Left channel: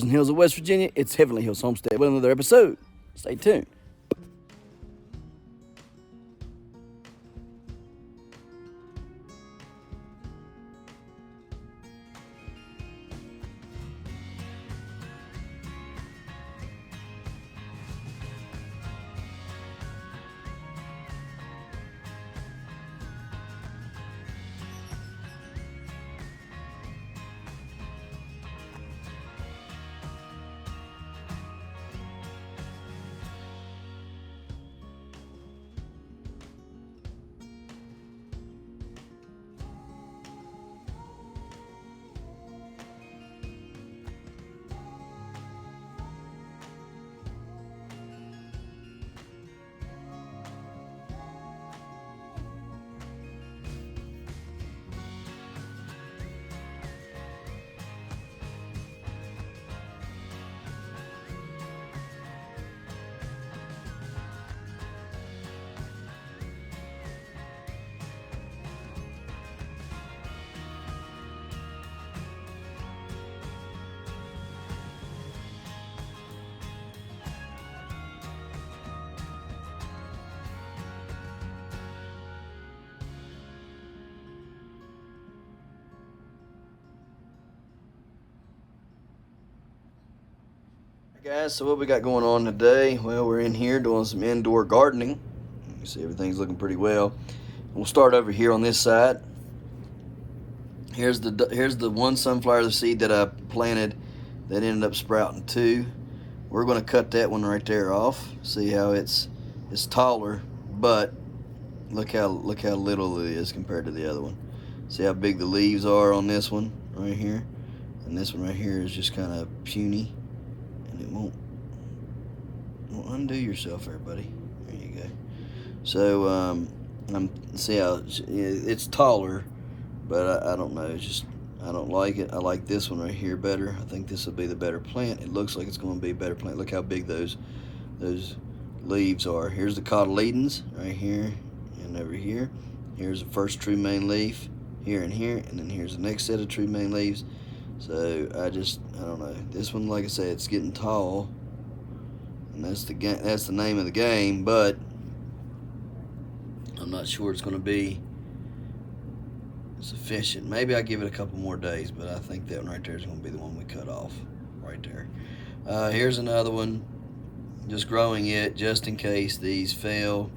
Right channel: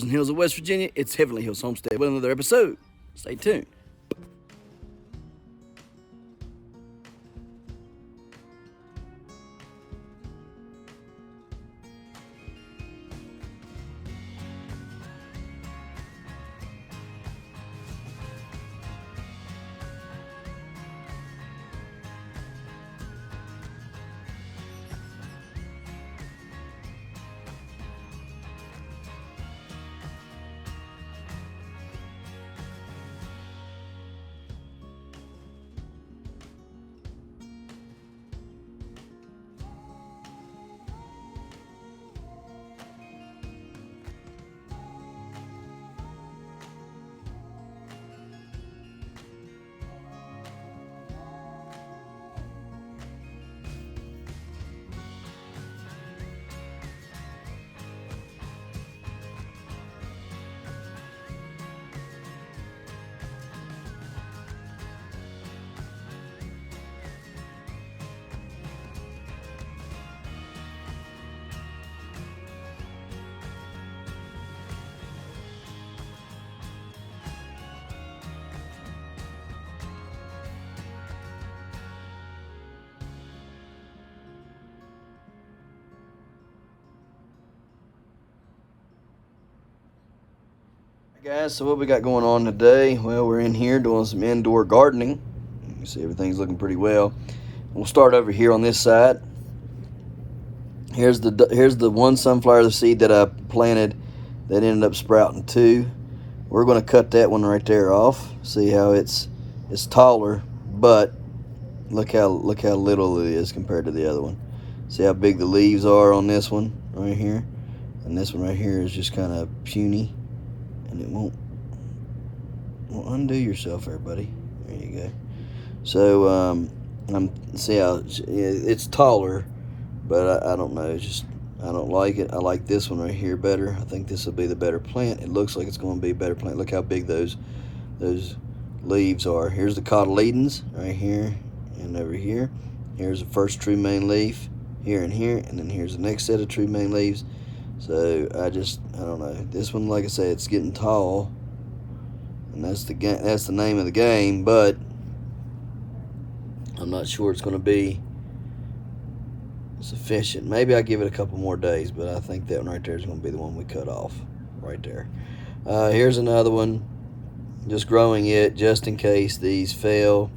And Hills of West Virginia. It's Heavenly Hills Homestead with another episode. Stay tuned. Guys, so what we got going on today? Well, we're in here doing some indoor gardening. You can see everything's looking pretty well. We'll start over here on this side. Here's the one sunflower seed that I planted that ended up sprouting two. We're going to cut that one right there off. See how it's taller, but look how little it is compared to the other one. See how big the leaves are on this one right here, and this one right here is just kind of puny. And it won't undo yourself there, buddy. There you go. So see how it's taller, but I don't know. It's just I don't like it. I like this one right here better. I think this will be the better plant. It looks like it's going to be a better plant. Look how big those leaves are. Here's the cotyledons right here and over here. Here's the first true main leaf here and here, and then here's the next set of true main leaves. So I don't know. This one, like I said, it's getting tall, and that's the name of the game. But I'm not sure it's going to be sufficient. Maybe I give it a couple more days, but I think that one right there is going to be the one we cut off right there. Here's another one. Just growing it just in case these fail.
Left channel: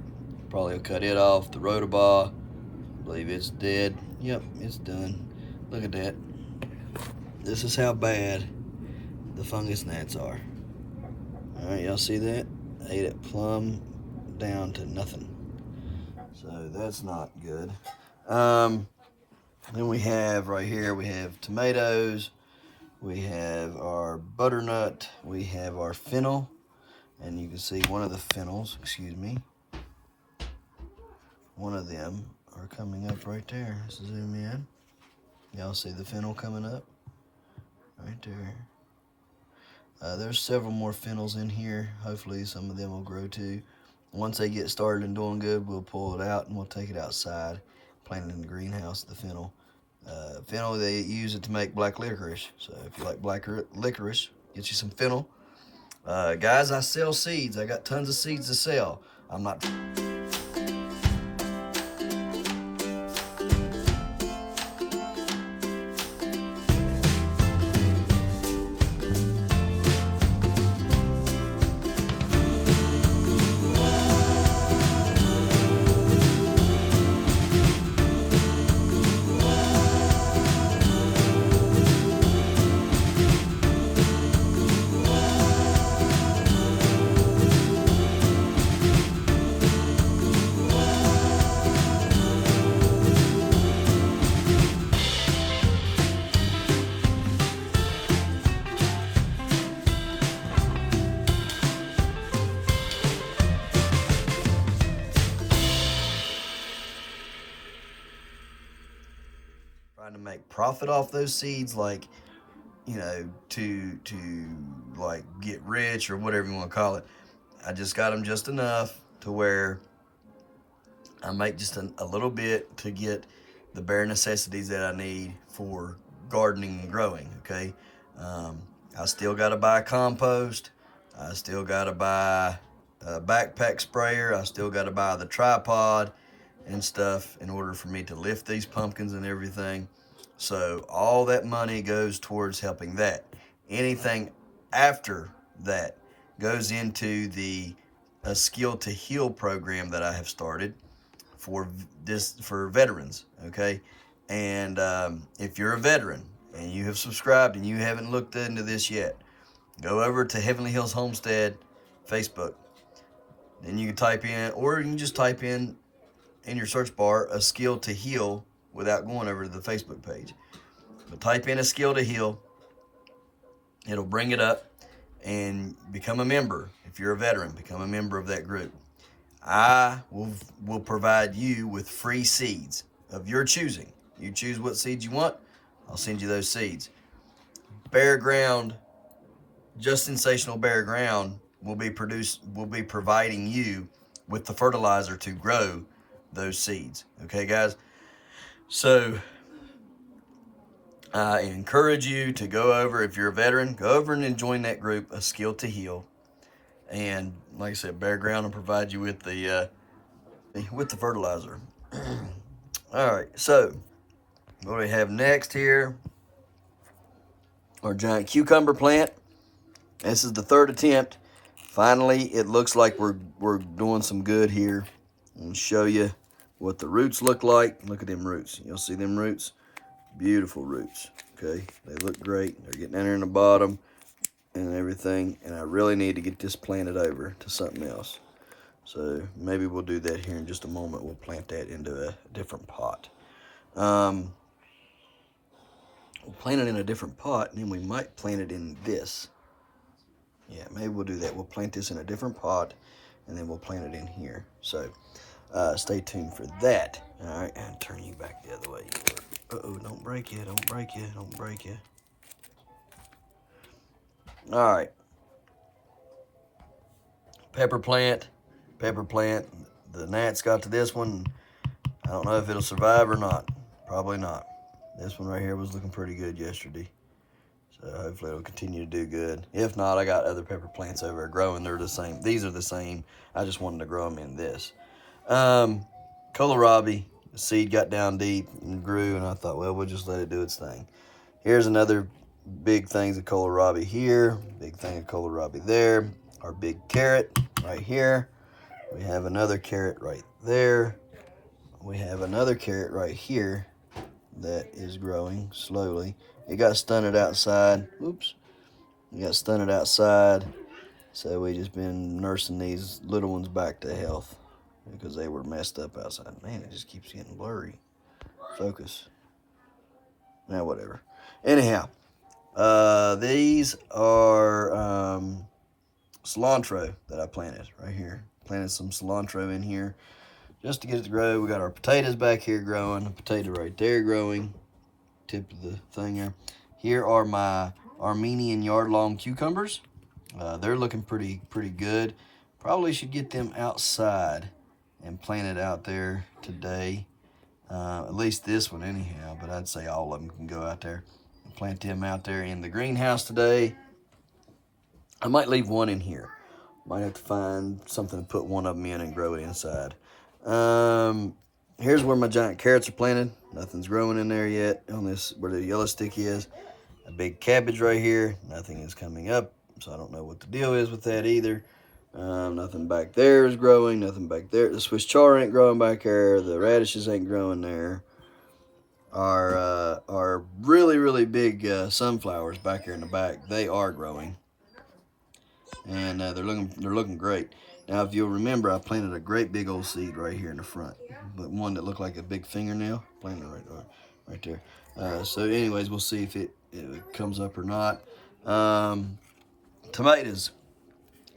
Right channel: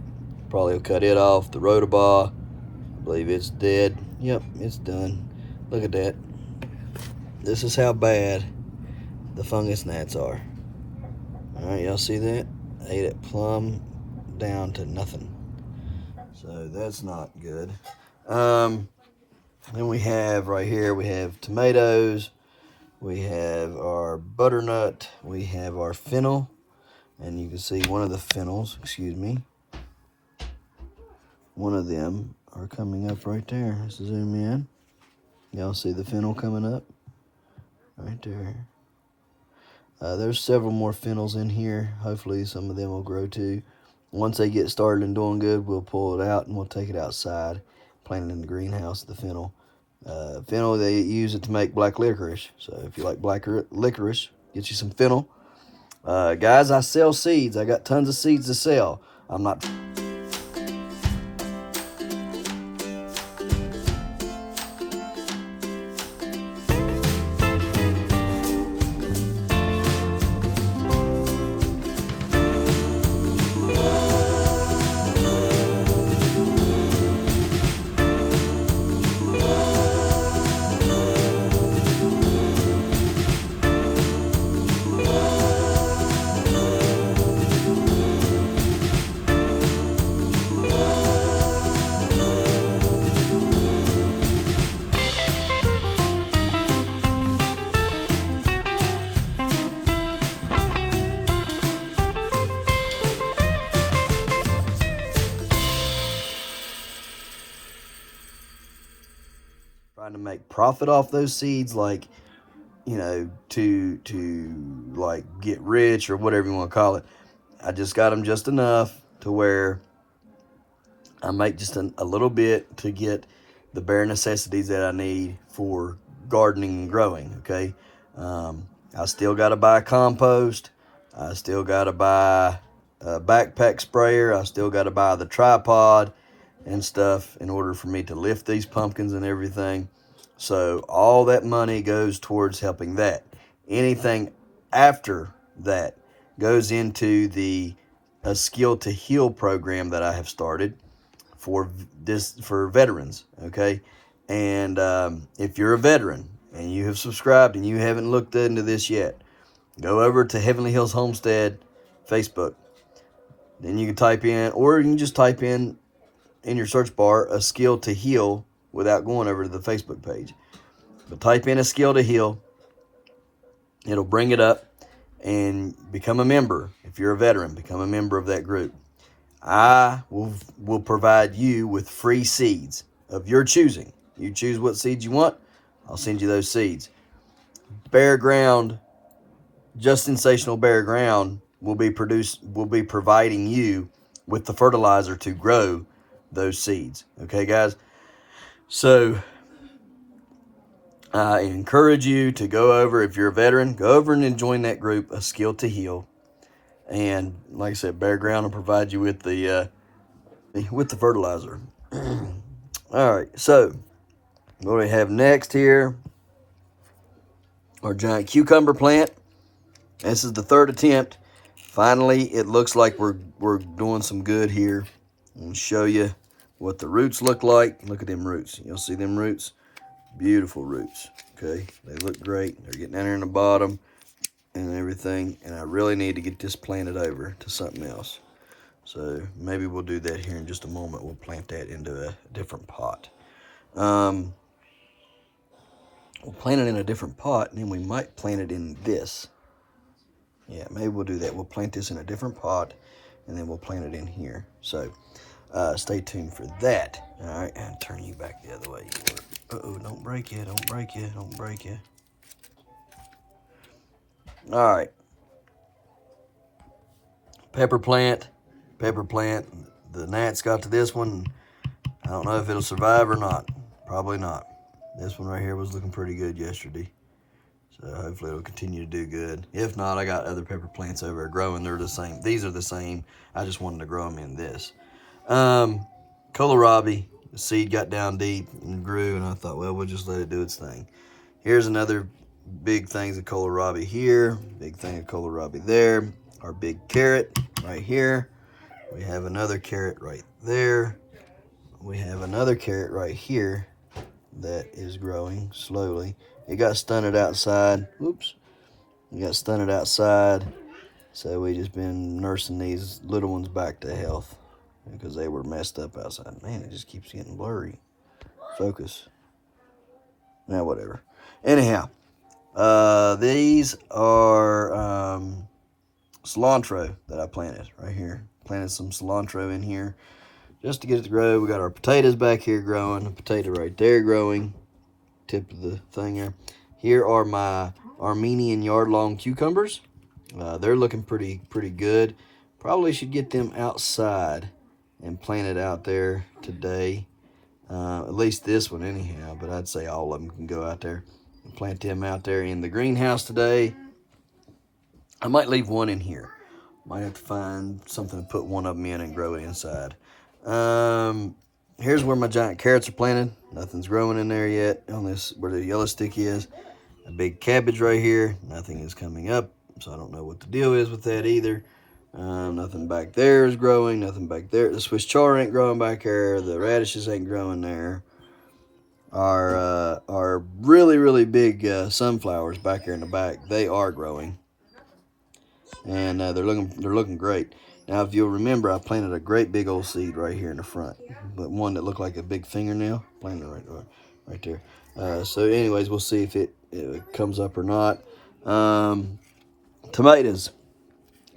Probably will cut it off. The rhodobaugh, I believe it's dead. Yep, it's done. Look at that. This is how bad the fungus gnats are. All right, y'all see that? Ate it plumb down to nothing. So that's not good. Then we have right here, we have tomatoes, we have our butternut, we have our fennel, and you can see one of the fennels, one of them are coming up right there. Let's zoom in. Y'all see the fennel coming up? Right there. There's several more fennels in here. Hopefully some of them will grow too. Once they get started and doing good, we'll pull it out and we'll take it outside, plant it in the greenhouse, the fennel. Fennel, they use it to make black licorice. So if you like black licorice, get you some fennel. Guys, I sell seeds. I got tons of seeds to sell. I'm not... trying to make profit off those seeds, like, you know, to like get rich or whatever you want to call it. I just got them just enough to where I make just a little bit to get the bare necessities that I need for gardening and growing, okay? I still got to buy compost. I still got to buy a backpack sprayer. I still got to buy the tripod and stuff in order for me to lift these pumpkins and everything. So all that money goes towards helping that. Anything after that goes into the a Skill to Heal program that I have started for veterans. Okay, and if you're a veteran and you have subscribed and you haven't looked into this yet, go over to Heavenly Hills Homestead Facebook. Then you can type in, or you can just type in your search bar, a Skill to Heal without going over to the Facebook page. But type in a Skill to Heal. It'll bring it up, and become a member. If you're a veteran, become a member of that group. I will provide you with free seeds of your choosing. You choose what seeds you want, I'll send you those seeds. Bare Ground, Just Sensational Bare Ground will be providing you with the fertilizer to grow those seeds. Okay, guys? So I encourage you to go over, if you're a veteran, go over and join that group, A Skill to Heal. And like I said, Bare Ground will provide you with the fertilizer. All right, so what do we have next here? Our giant cucumber plant. This is the third attempt. Finally, it looks like we're doing some good here. I'll show you what the roots look like. Look at them roots. You'll see them roots. Beautiful roots. Okay, they look great. They're getting down there in the bottom and everything. And I really need to get this planted over to something else. So maybe we'll do that here in just a moment. We'll plant that into a different pot. We'll plant it in a different pot, and then we might plant it in this. Yeah, maybe we'll do that. We'll plant this in a different pot, and then we'll plant it in here. So stay tuned for that. All right, and turn you back the other way. Uh-oh, don't break it, don't break it, don't break it. All right. Pepper plant. The gnats got to this one. I don't know if it'll survive or not. Probably not. This one right here was looking pretty good yesterday. So hopefully it'll continue to do good. If not, I got other pepper plants over there growing. They're the same. These are the same. I just wanted to grow them in this. Kohlrabi, the seed got down deep and grew, and I thought, well, we'll just let it do its thing. Here's another big things of kohlrabi here. Big thing of kohlrabi there. Our big carrot right here. We have another carrot right there. We have another carrot right here that is growing slowly. It got stunted outside. Oops. It got stunted outside. So we just been nursing these little ones back to health because they were messed up outside. Man, it just keeps getting blurry. Focus. Now, whatever. Anyhow, these are cilantro that I planted right here. Planted some cilantro in here just to get it to grow. We got our potatoes back here growing. A potato right there growing. Tip of the thing there. Here are my Armenian yard-long cucumbers. They're looking pretty good. Probably should get them outside and plant it out there today. At least this one anyhow, but I'd say all of them can go out there and plant them out there in the greenhouse today. I might leave one in here. Might have to find something to put one of them in and grow it inside. Here's where my giant carrots are planted. Nothing's growing in there yet on this, where the yellow stick is. A big cabbage right here. Nothing is coming up, so I don't know what the deal is with that either. Nothing back there is growing. Nothing back there. The Swiss chard ain't growing back there. The radishes ain't growing there. Our really big sunflowers back here in the back, they are growing, and they're looking great. Now, if you'll remember, I planted a great big old seed right here in the front, but one that looked like a big fingernail. Planted it right there. So, anyways, we'll see if it comes up or not. Tomatoes.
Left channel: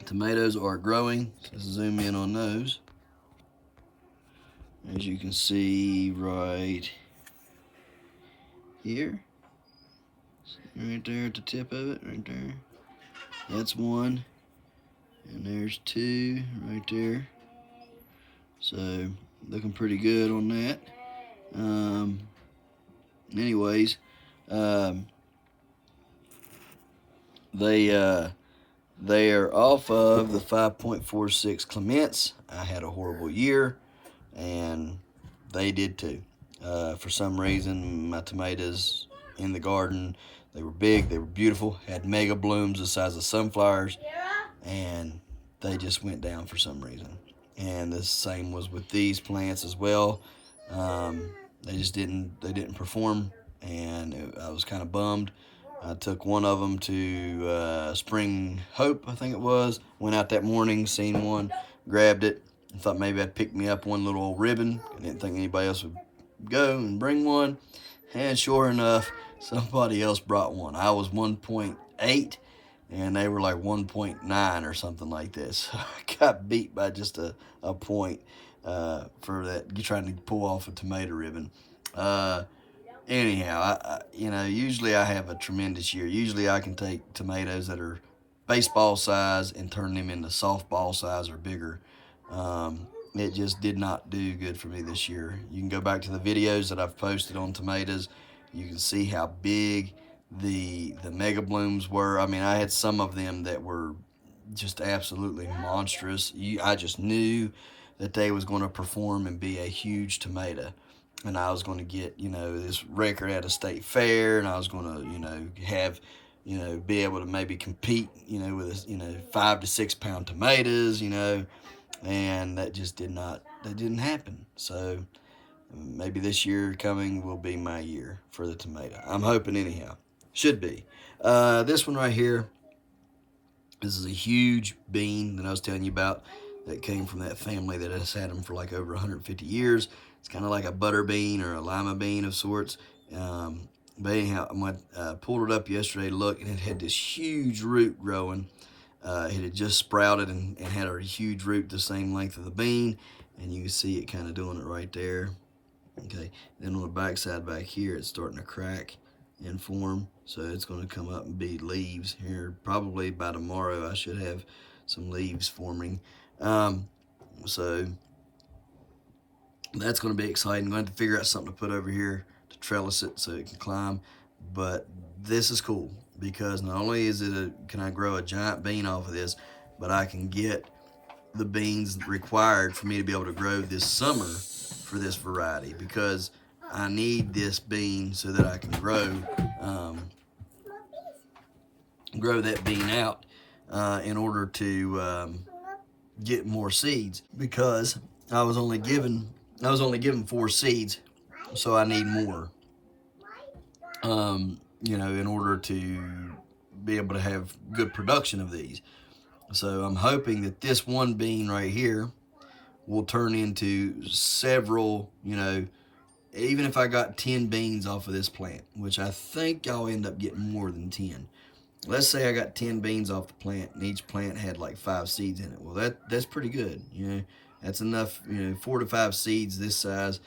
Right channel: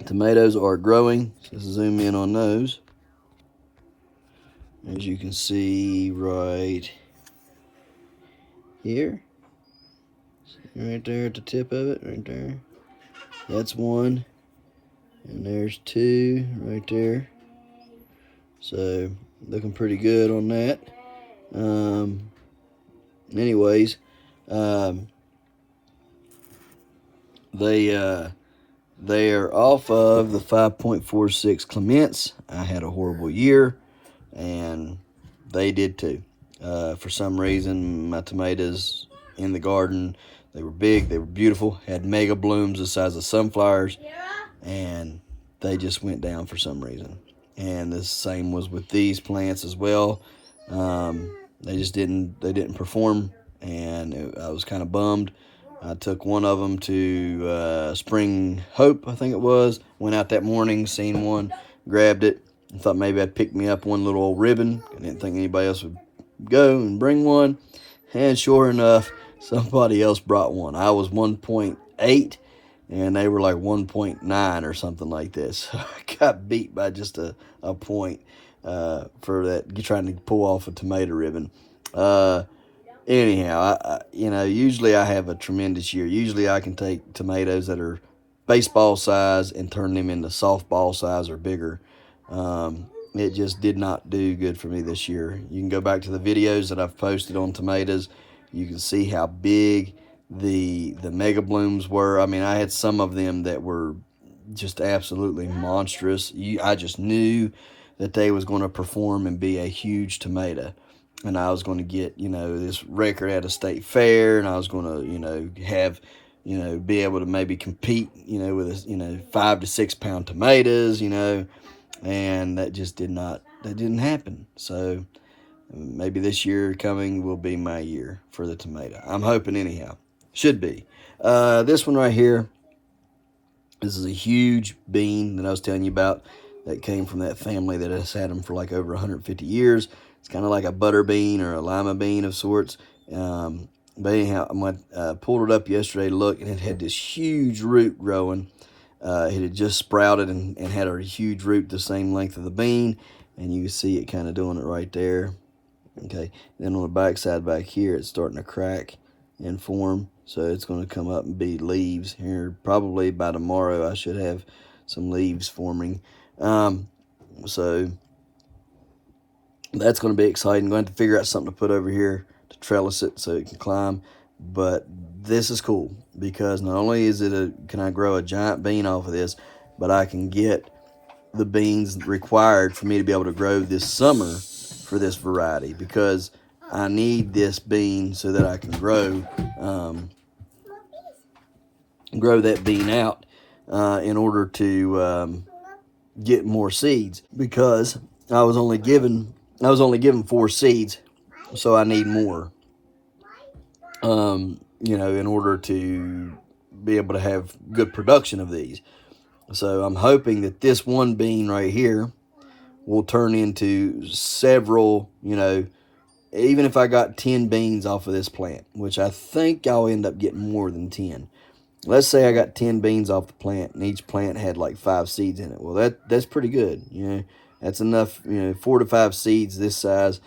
Tomatoes are growing. So let's zoom in on those. As you can see right here. Right there at the tip of it, right there. That's one. And there's two right there. So, looking pretty good on that. Anyways, They are off of the 5.46 Clements. I had a horrible year, and they did too. For some reason, my tomatoes in the garden, they were big, they were beautiful, had mega blooms the size of sunflowers, and they just went down for some reason. And the same was with these plants as well. They just didn't perform, and I was kind of bummed. I took one of them to Spring Hope, I think it was. Went out that morning, seen one, grabbed it, and thought maybe I'd pick me up one little old ribbon. I didn't think anybody else would go and bring one. And sure enough, somebody else brought one. I was 1.8, and they were like 1.9 or something like this. So I got beat by just a point for that, trying to pull off a tomato ribbon. Anyhow, usually I have a tremendous year. Usually I can take tomatoes that are baseball size and turn them into softball size or bigger. It just did not do good for me this year. You can go back to the videos that I've posted on tomatoes. You can see how big the mega blooms were. I mean, I had some of them that were just absolutely monstrous. I just knew that they was going to perform and be a huge tomato. And I was going to get, this record at a state fair, and I was going to, have, be able to maybe compete, with, 5 to 6 pound tomatoes, and that just didn't happen. So maybe this year coming will be my year for the tomato. I'm hoping anyhow. Should be. This one right here, this is a huge bean that I was telling you about that came from that family that has had them for like over 150 years. It's kind of like a butter bean or a lima bean of sorts. But anyhow, I pulled it up yesterday to look, and it had this huge root growing. It had just sprouted and had a huge root the same length of the bean. And you can see it kind of doing it right there. Okay. Then on the back side back here, it's starting to crack and form. So it's going to come up and be leaves here. Probably by tomorrow, I should have some leaves forming. So that's going to be exciting. I'm going to have to figure out something to put over here to trellis it so it can climb. But this is cool because not only can I grow a giant bean off of this, but I can get the beans required for me to be able to grow this summer for this variety, because I need this bean so that I can grow that bean out in order to get more seeds, because I was only given 4 seeds, so I need more, in order to be able to have good production of these. So I'm hoping that this one bean right here will turn into several, even if I got 10 beans off of this plant, which I think I'll end up getting more than 10. Let's say I got 10 beans off the plant, and each plant had like 5 seeds in it. Well, that's pretty good. That's enough, 4 to 5 seeds this size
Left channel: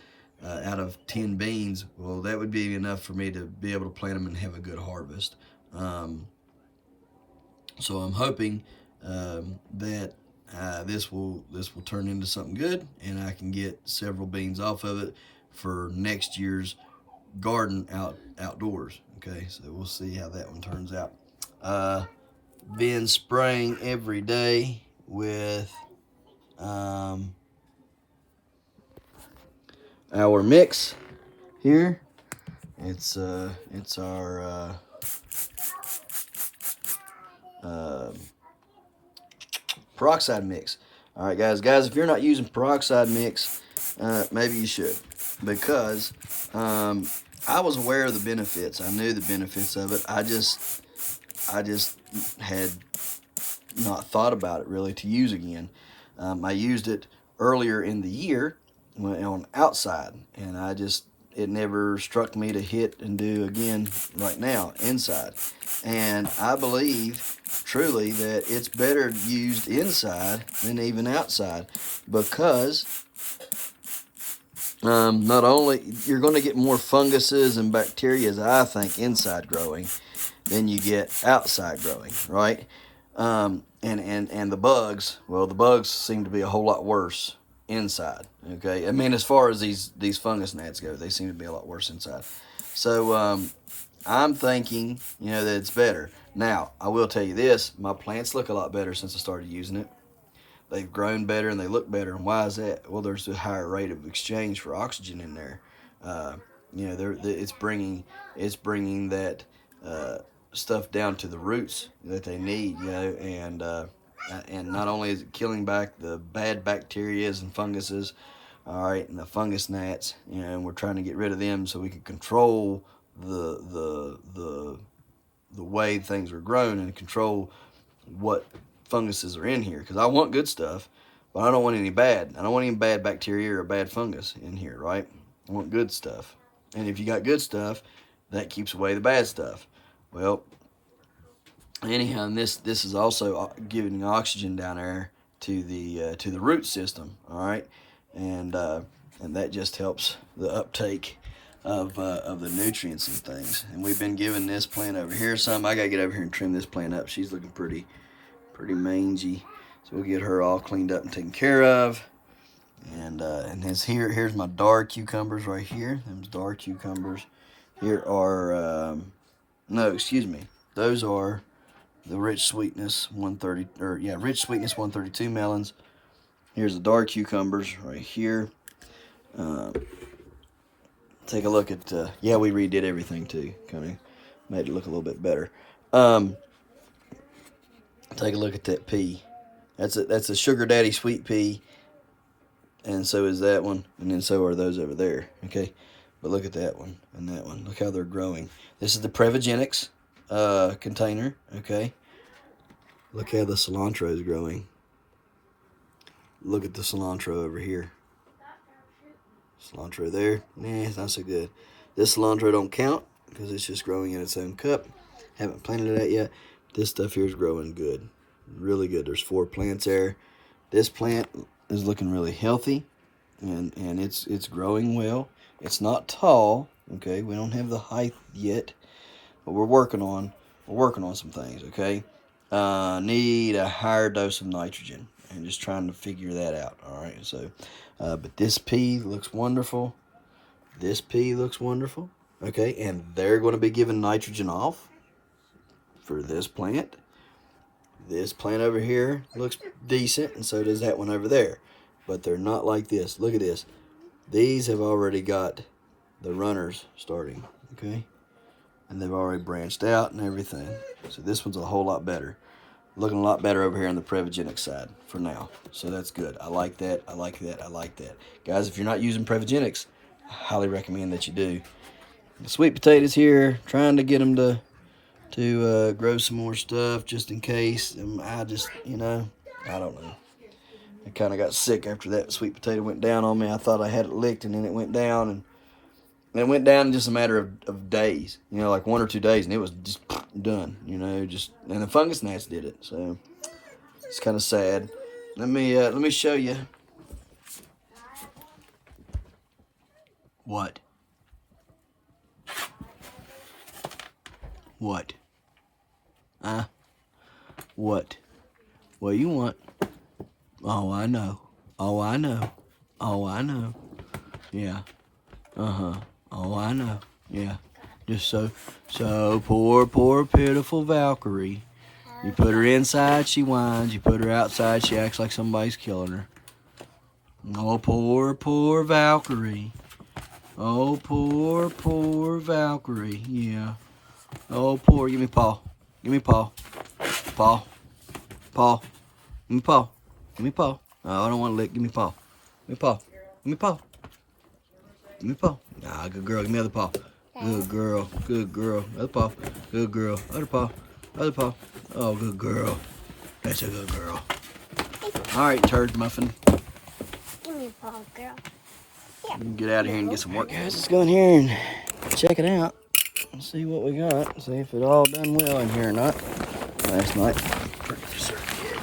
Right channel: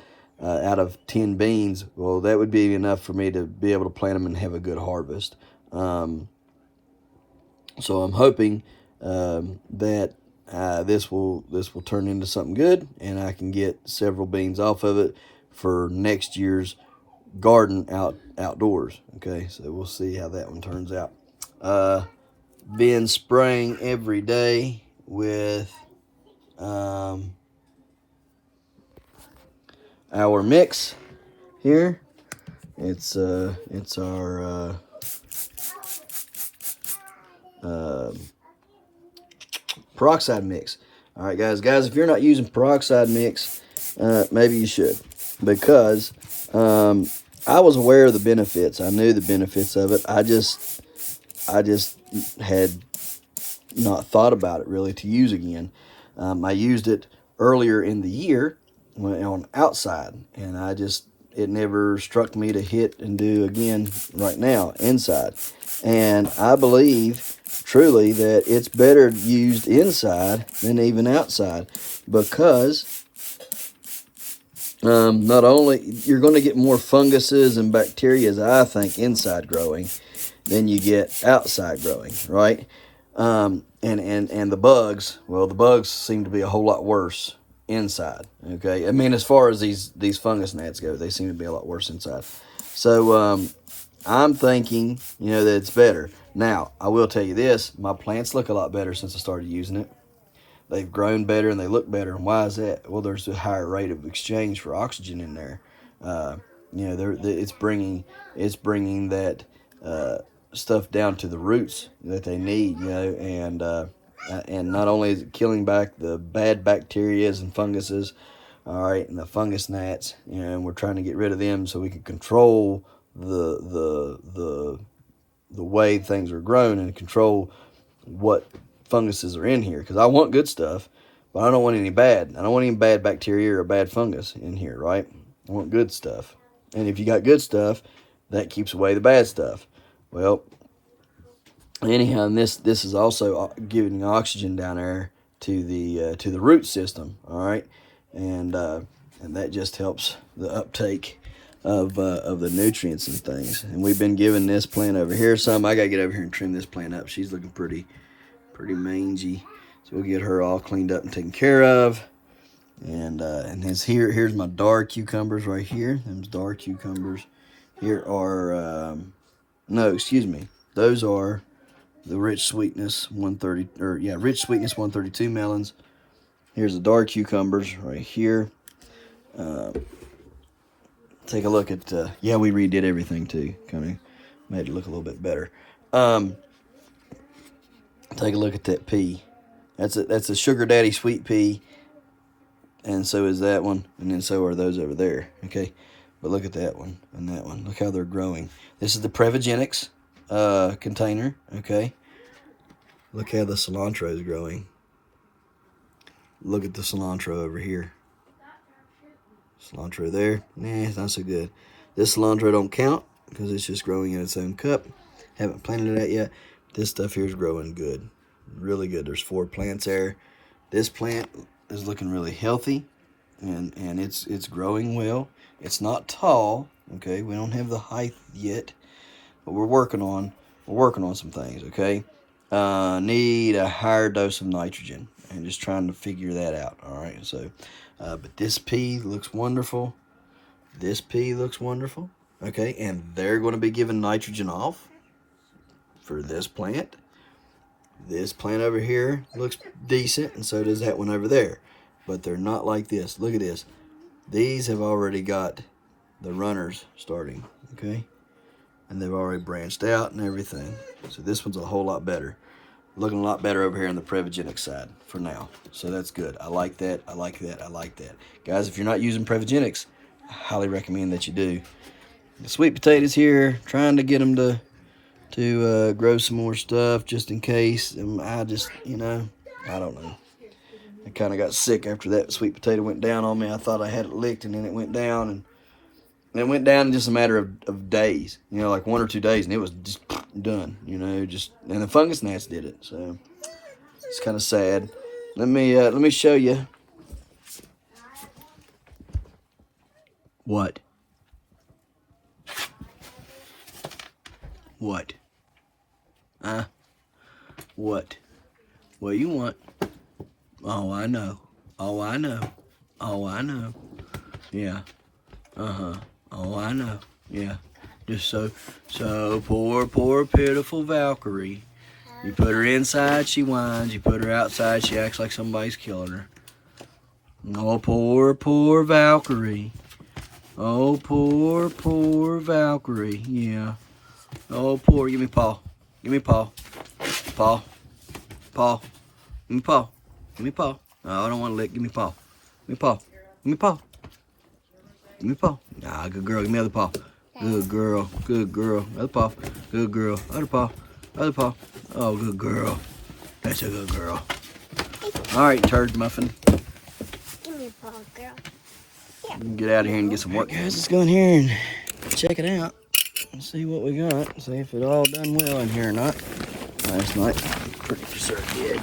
out of 10 beans. Well, that would be enough for me to be able to plant them and have a good harvest. So I'm hoping that this will turn into something good, and I can get several beans off of it for next year's garden outdoors. Okay, so we'll see how that one turns out. Been spraying every day with our mix here. It's our peroxide mix. All right, guys, if you're not using peroxide mix, maybe you should, because I was aware of the benefits. I knew the benefits of it. I just had not thought about it really to use again. I used it earlier in the year on outside, and it never struck me to hit and do again right now inside. And I believe truly that it's better used inside than even outside, because not only you're going to get more funguses and bacteria, I think, inside growing than you get outside growing, right? And the bugs, well, the bugs seem to be a whole lot worse inside. Okay, I mean, as far as these fungus gnats go, they seem to be a lot worse inside. So I'm thinking, you know, that it's better. Now, I will tell you this, my plants look a lot better since I started using it. They've grown better and they look better. And why is that? Well, there's a higher rate of exchange for oxygen in there. Uh, you know, it's bringing that stuff down to the roots that they need. You know, and not only is it killing back the bad bacterias and funguses, all right, and the fungus gnats. You know, and we're trying to get rid of them so we can control the way things are grown and control what funguses are in here, because I want good stuff, but I don't want any bad. I don't want any bad bacteria or bad fungus in here, right? I want good stuff. And if you got good stuff, that keeps away the bad stuff. Well, anyhow, and this is also giving oxygen down there to the root system, all right, and that just helps the uptake of the nutrients and things. And we've been giving this plant over here some. I gotta get over here and trim this plant up. She's looking pretty mangy, so we'll get her all cleaned up and taken care of. And here's my dark cucumbers right here. Them's dark cucumbers. Here are no, excuse me, those are the rich sweetness 130, rich sweetness 132 melons. Here's the dark cucumbers right here. Take a look at we redid everything too, kind of made it look a little bit better. Take a look at that pea. That's a sugar daddy sweet pea, and so is that one, and then so are those over there. Okay, but look at that one and that one. Look how they're growing. This is the Prevogenics container. Okay, look how the cilantro is growing. Look at the cilantro over here. Cilantro there, nah, it's not so good. This cilantro don't count because it's just growing in its own cup. Haven't planted it out yet. This stuff here is growing good, really good. There's 4 plants there. This plant is looking really healthy, and it's growing well. It's not tall, okay. We don't have the height yet, but we're working on some things, okay. Need a higher dose of nitrogen, and just trying to figure that out. All right, so but this pea looks wonderful. This pea looks wonderful, okay. And they're going to be giving nitrogen off for this plant. This plant over here looks decent, and so does that one over there, but they're not like this. Look at this. These have already got the runners starting, okay, and they've already branched out and everything. So this one's a whole lot better, looking a lot better over here on the Prevogenic side for now. So that's good. I like that. I like that. I like that, guys. If you're not using Prevogenics, I highly recommend that you do. The sweet potatoes here, trying to get them to grow some more stuff just in case. I just, you know, I don't know. I kind of got sick after that sweet potato went down on me. I thought I had it licked, and then it went down, and it went down in just a matter of days, you know, like 1 or 2 days, and it was just done, you know, and the fungus gnats did it. So it's kind of sad. Let me show you. What? What? What? What you want? Oh, I know. Oh, I know. Oh, I know. Yeah. Oh, I know. Yeah. Just so poor, pitiful Valkyrie. You put her inside, she whines. You put her outside, she acts like somebody's killing her. Oh, poor Valkyrie. Oh, poor Valkyrie. Yeah. Oh, poor. Give me paw. Give me paw. Paw. Paw. Give me paw. Give me paw. Oh, I don't want to lick. Give me paw. Give me paw. Give me paw. Give me paw. Ah, good girl. Give me other paw. Good girl. Good girl. Other paw. Good girl. Other paw. Other paw. Oh, good girl. That's a good girl. All right, turd muffin. Give me a paw, girl. Yeah. Get out of here and get some work. Guys, let's go in here and check it out. Let's see what we got. See if it all done well in here or not. Last night, pretty sure it did.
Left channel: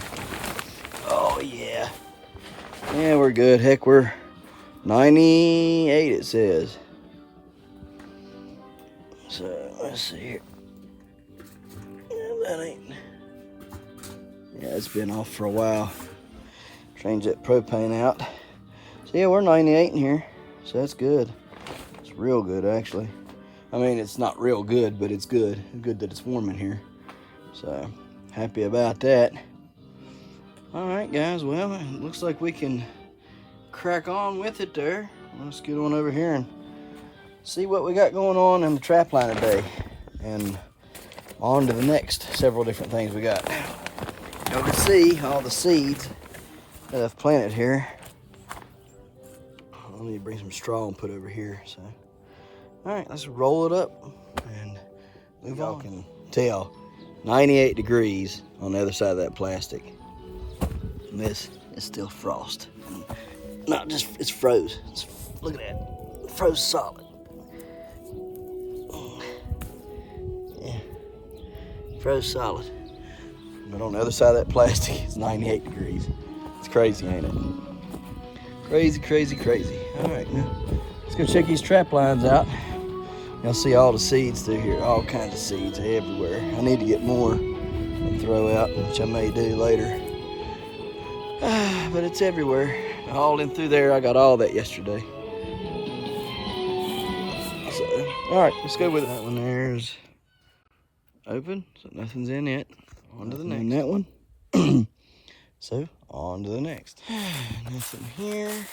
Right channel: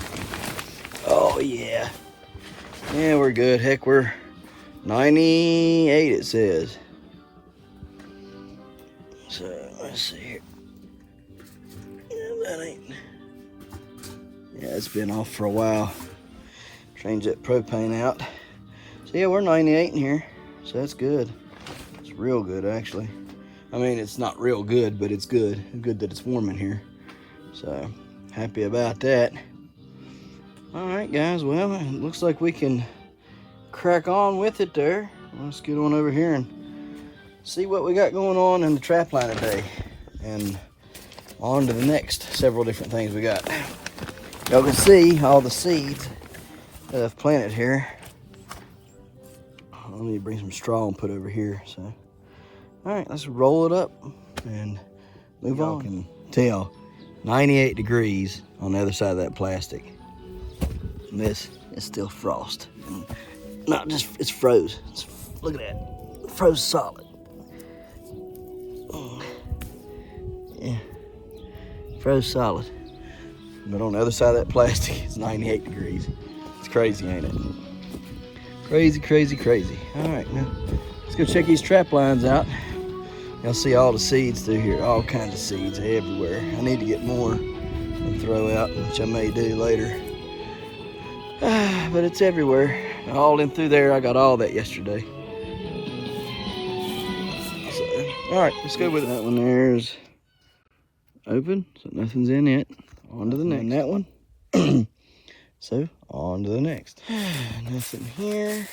Oh, yeah. Yeah, we're good. Heck, we're 98, it says. So, let's see here. Yeah, that ain't... Yeah, it's been off for a while. Change that propane out. So, yeah, we're 98 in here. So, that's good. It's real good, actually. I mean, it's not real good, but it's good. Good that it's warm in here. So, happy about that. All right, guys. Well, it looks like we can crack on with it there. Let's get on over here and see what we got going on in the trap line today. And on to the next several different things we got. Y'all can see all the seeds that I've planted here. I'll need to bring some straw and put over here. So, all right, let's roll it up and move on. Y'all can tell 98 degrees on the other side of that plastic. And this is still frost. And not just, it's froze. Look at that, froze solid. Yeah, froze solid. But on the other side of that plastic, it's 98 degrees. It's crazy, ain't it? Crazy, crazy, crazy. All right, now let's go check these trap lines out. Y'all see all the seeds through here, all kinds of seeds everywhere. I need to get more and throw out, which I may do later. But it's everywhere. All in through there, I got all that yesterday. So, all right, let's go with it. That one there's open, so nothing's in it. On to the next. That one. So, on to the next. Nothing here.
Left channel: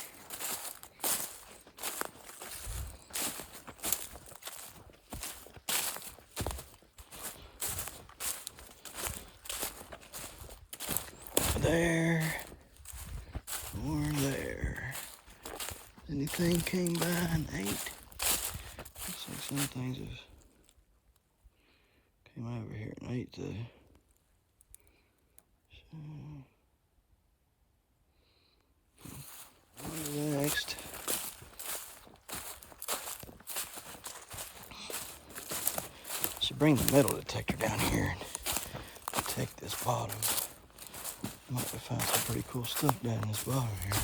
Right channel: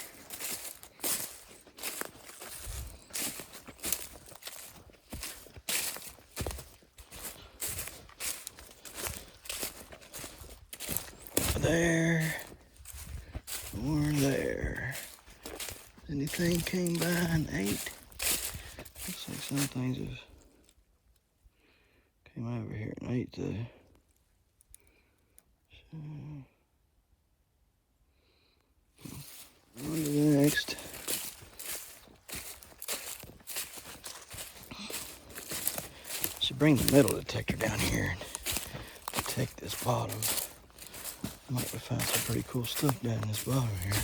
There. More there. Anything came by and ate? Looks like some things have came over here and ate though. So, on to the next. Should bring the metal detector down here and detect this bottom. Might find some pretty cool stuff down this bottom here.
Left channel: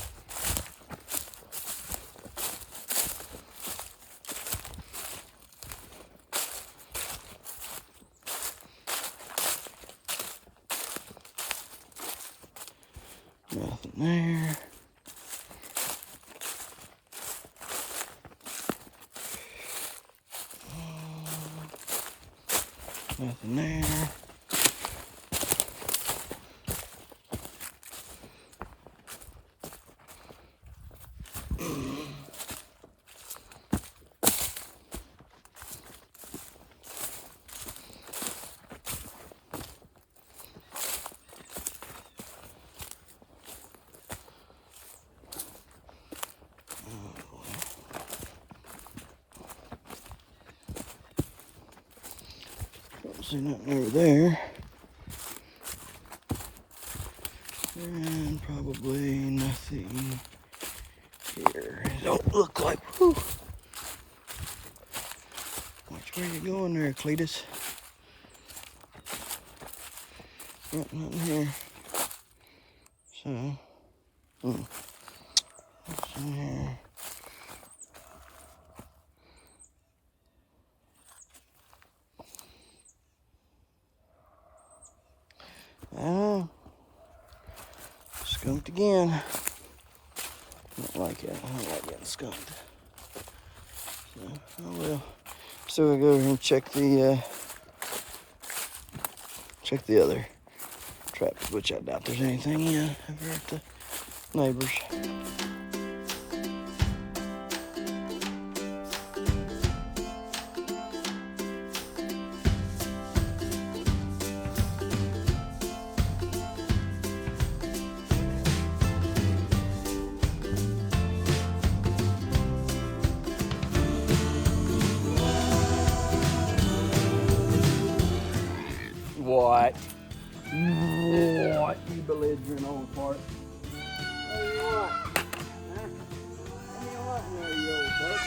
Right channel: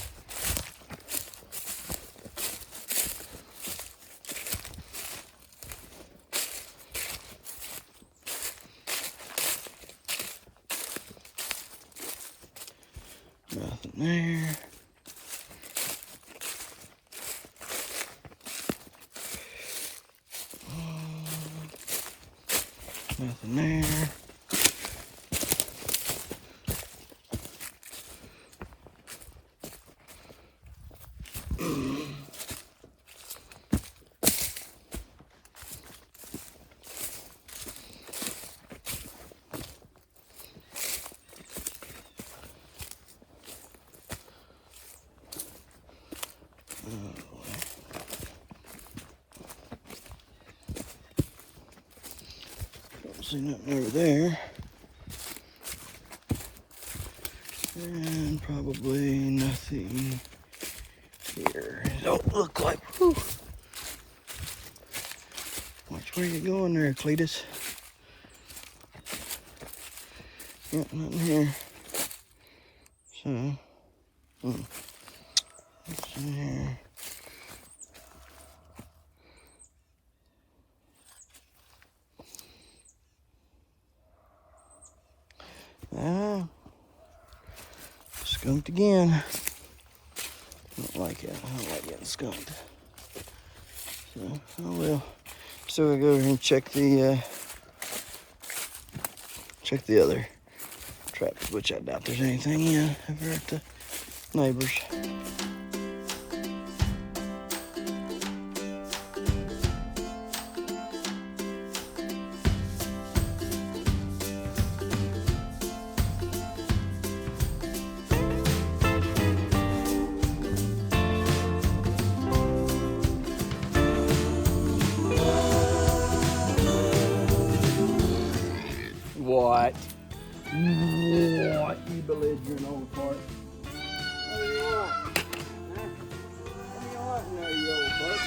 Nothing there. Nothing there. See nothing over there. And probably nothing here. Don't look like. Whew. Watch where you're going there, Cletus. Nothing here. So, nothing here. Oh, skunked again. Don't like it. I don't like getting skunked. So, oh well. So we'll go ahead and check the other traps, which I doubt there's anything ever at the neighbors. What? What, you belligerent old fart? What do you want? Huh? What do you want in there, you old fart?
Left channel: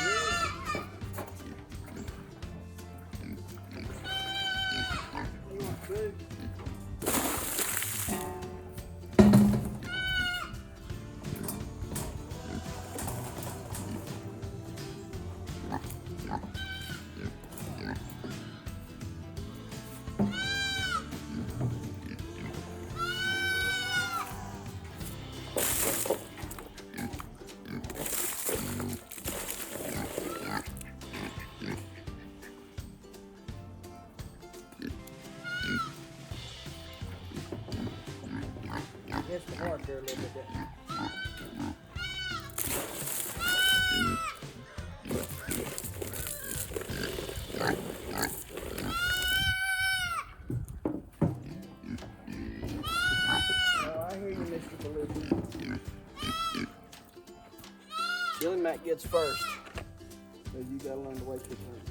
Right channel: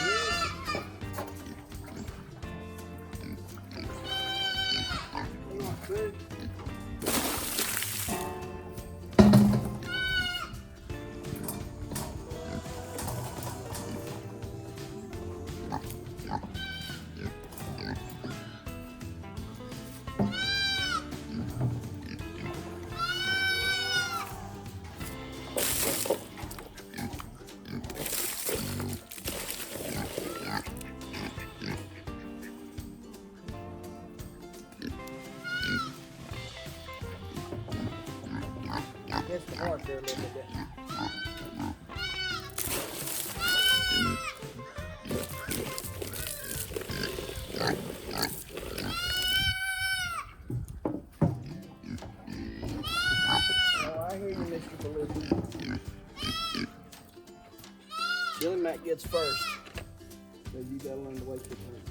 You want food? missed the mark there a little bit, didn't you? Oh, I hear you, Mr. Belushi. Billy Mac gets first. So you gotta learn to wait for time.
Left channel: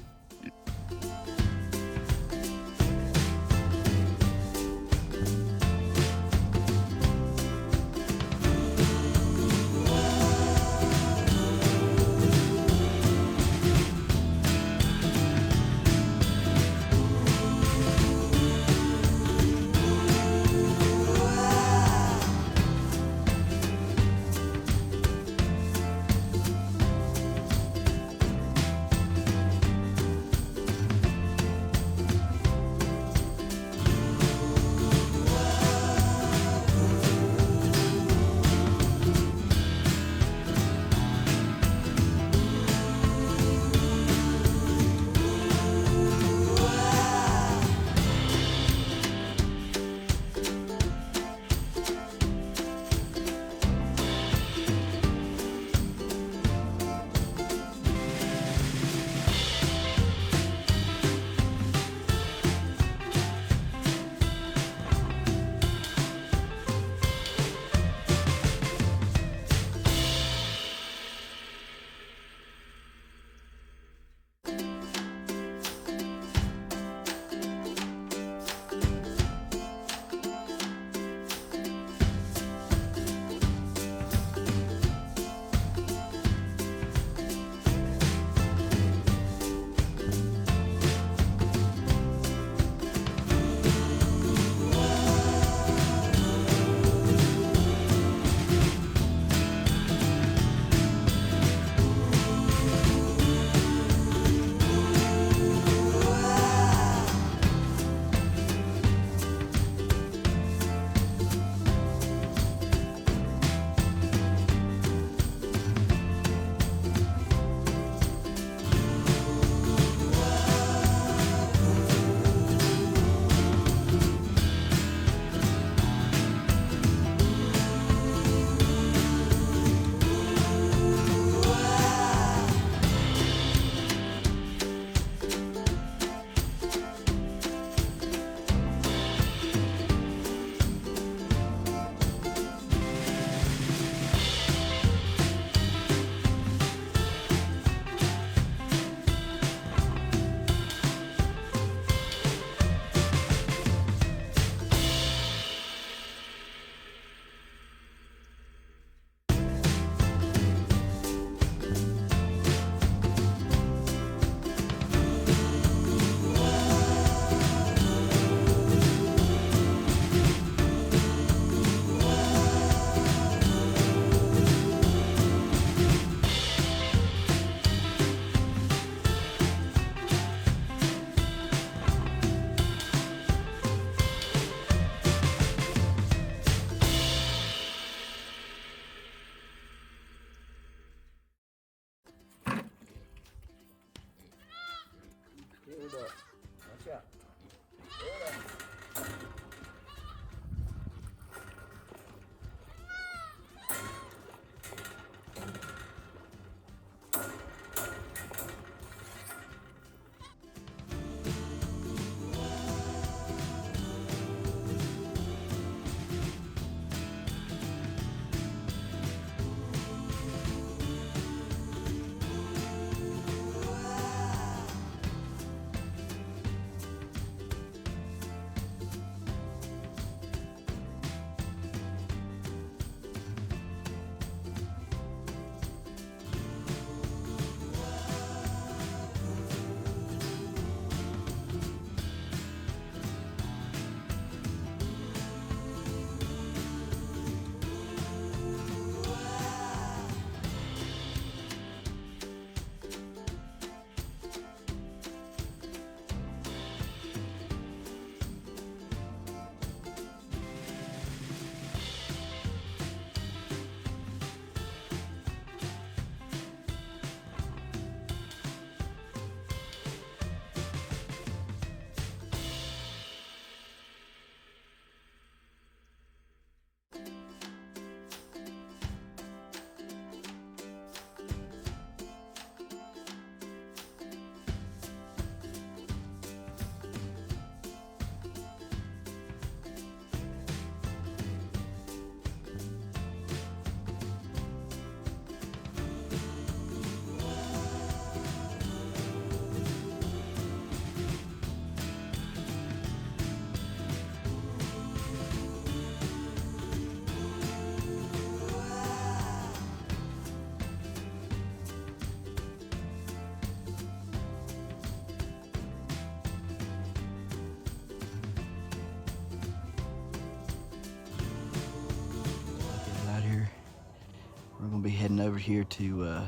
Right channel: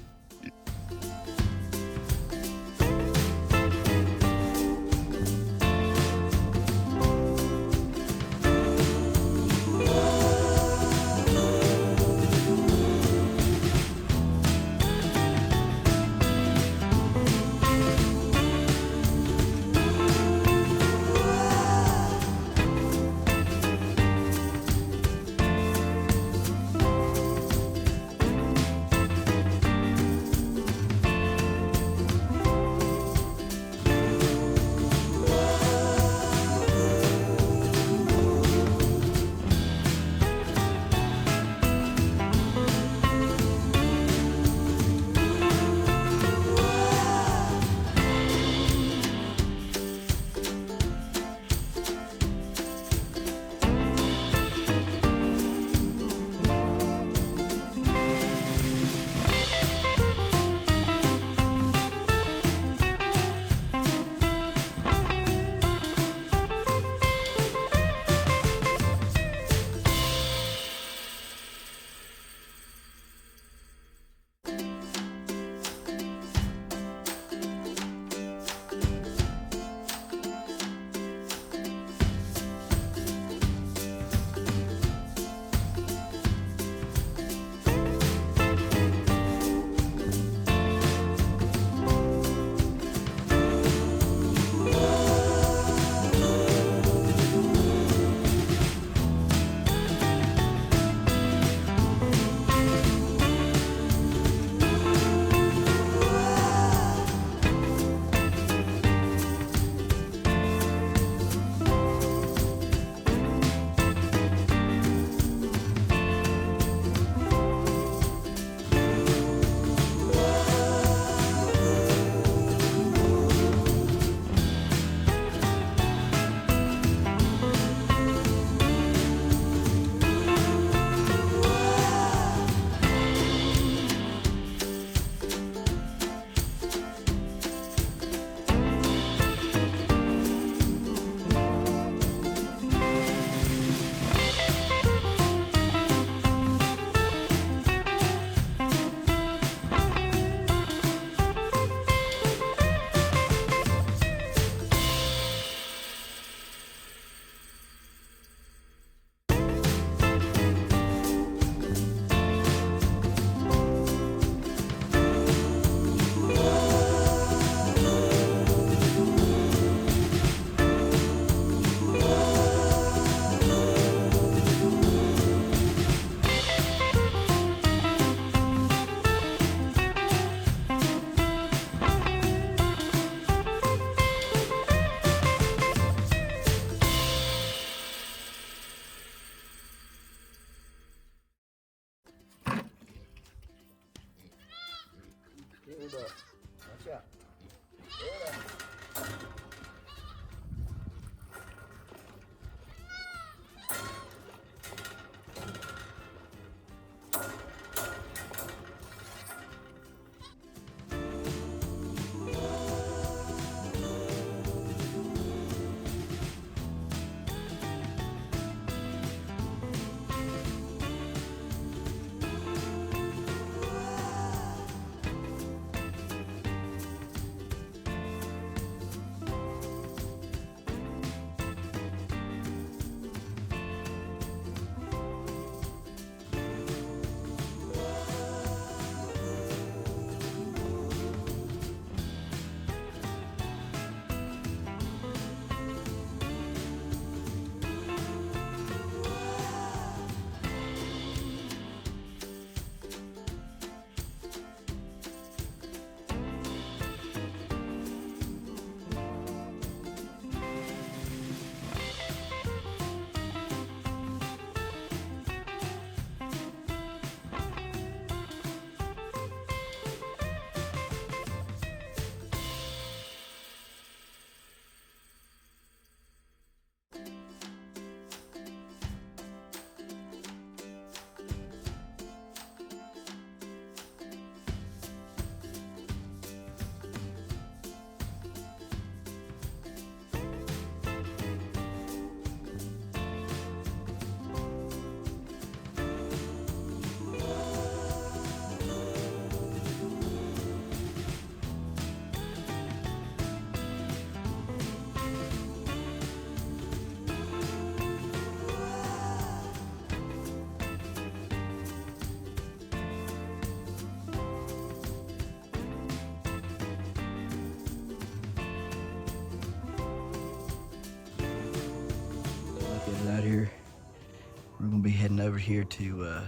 heading over here to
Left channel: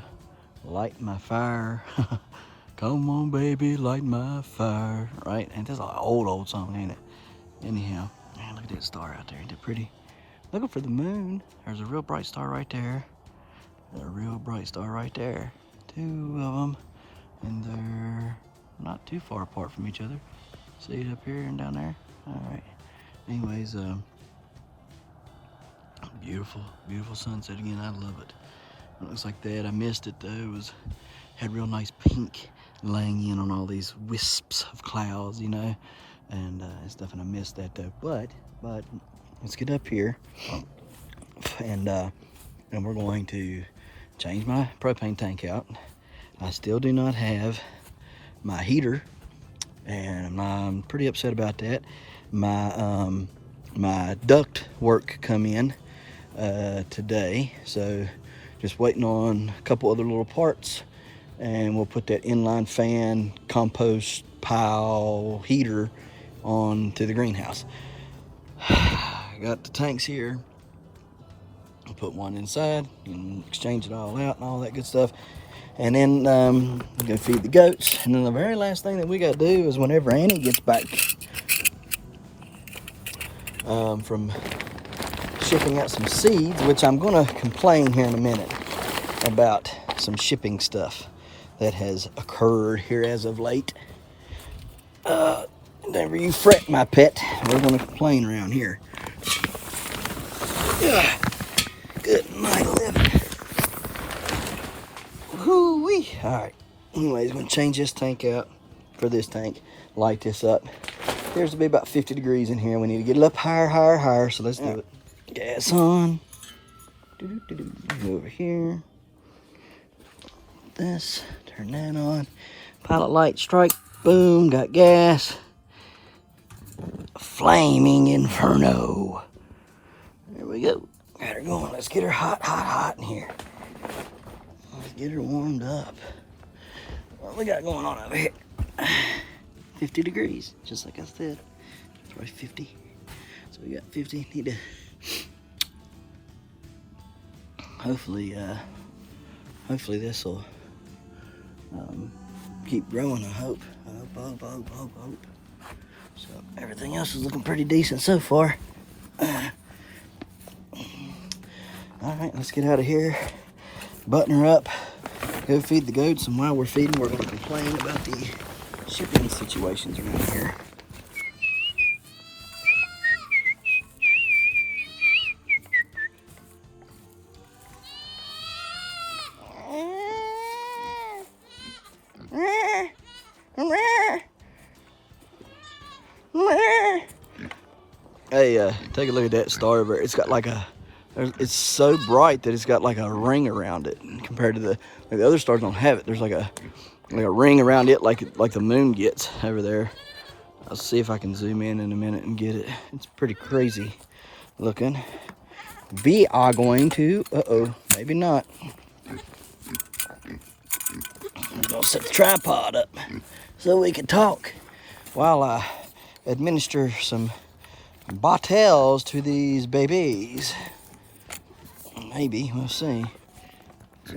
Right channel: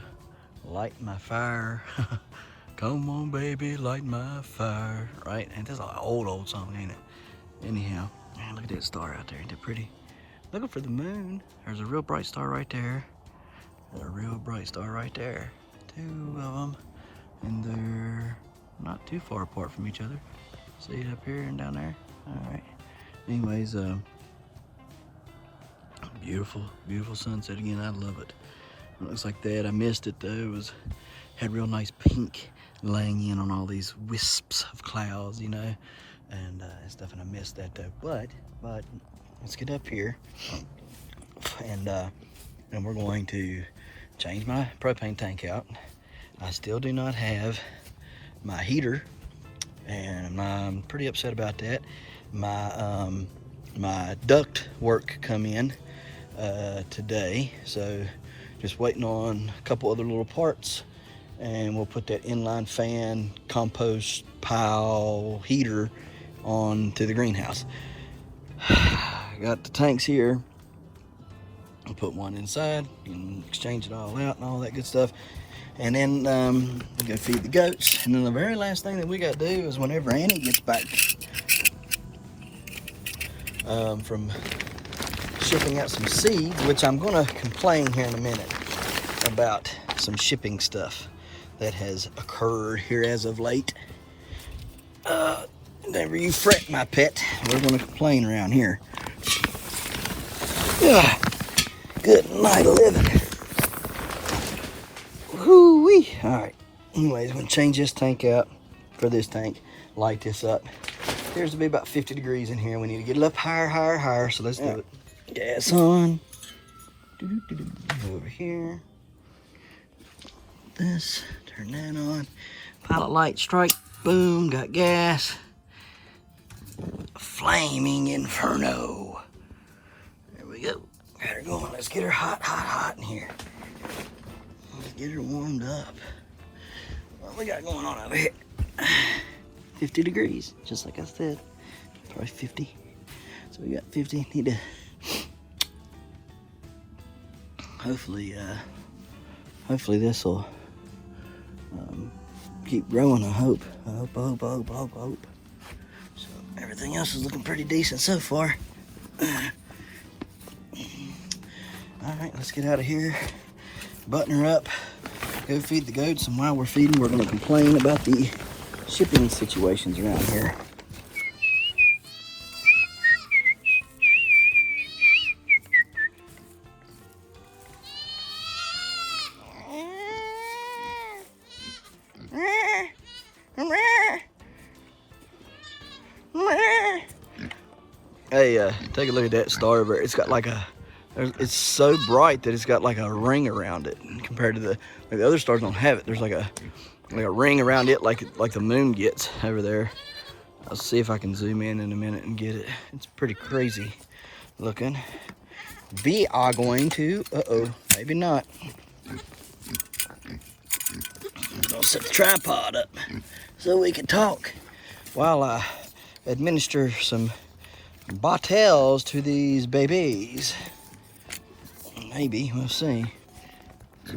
light my fire. Come on, baby, light my fire. Right? And that's an old song, ain't it? Anyhow, man, look at that star out there. Ain't it pretty? Looking for the moon. There's a real bright star right there. A real bright star right there. Two of them. And they're not too far apart from each other. See it up here and down there? All right. Anyways, beautiful sunset again. I love it. It looks like that. I missed it though. It had real nice pink laying in on all these wisps of clouds, you know. And it's definitely missed that though. But let's get up here, and we're going to change my propane tank out. I still do not have my heater, and I'm pretty upset about that. My duct work come in today, so just waiting on a couple other little parts, and we'll put that inline fan compost pile heater on to the greenhouse. Got the tanks here. I'll put one inside and exchange it all out and all that good stuff. And then I'm gonna feed the goats. And then the very last thing that we gotta do is whenever Annie gets back from shipping out some seeds, which I'm gonna complain here in a minute about some shipping stuff that has occurred here as of late. Never you fret, my pet. We're gonna complain around here. Good night, living. Woo-wee. All right. Anyways, we're gonna change this tank out for this tank. Light this up. Appears to be about 50 degrees in here. We need to get it up higher. So let's do it. Gas on. Over here. This. Turn that on. Pilot light strike. Boom. Got gas. Flaming inferno. There we go. Got her going. Let's get her hot in here. Let's get her warmed up. What we got going on over here? 50 degrees, just like I said. Probably 50. So we got 50. Need to hopefully this will keep growing. I hope. So everything else is looking pretty decent so far. All right, let's get out of here. Button her up. Go feed the goats, and while we're feeding, we're going to complain about the shipping situations around here. Hey, take a look at that star over there. It's got like it's so bright that it's got like a ring around it compared to the other stars don't have it. There's like a ring around it like the moon gets over there. I'll see if I can zoom in a minute and get it. It's pretty crazy looking. We are going to, maybe not. I'm gonna set the tripod up so we can talk while I administer some bottles to these babies. Maybe, we'll see. So,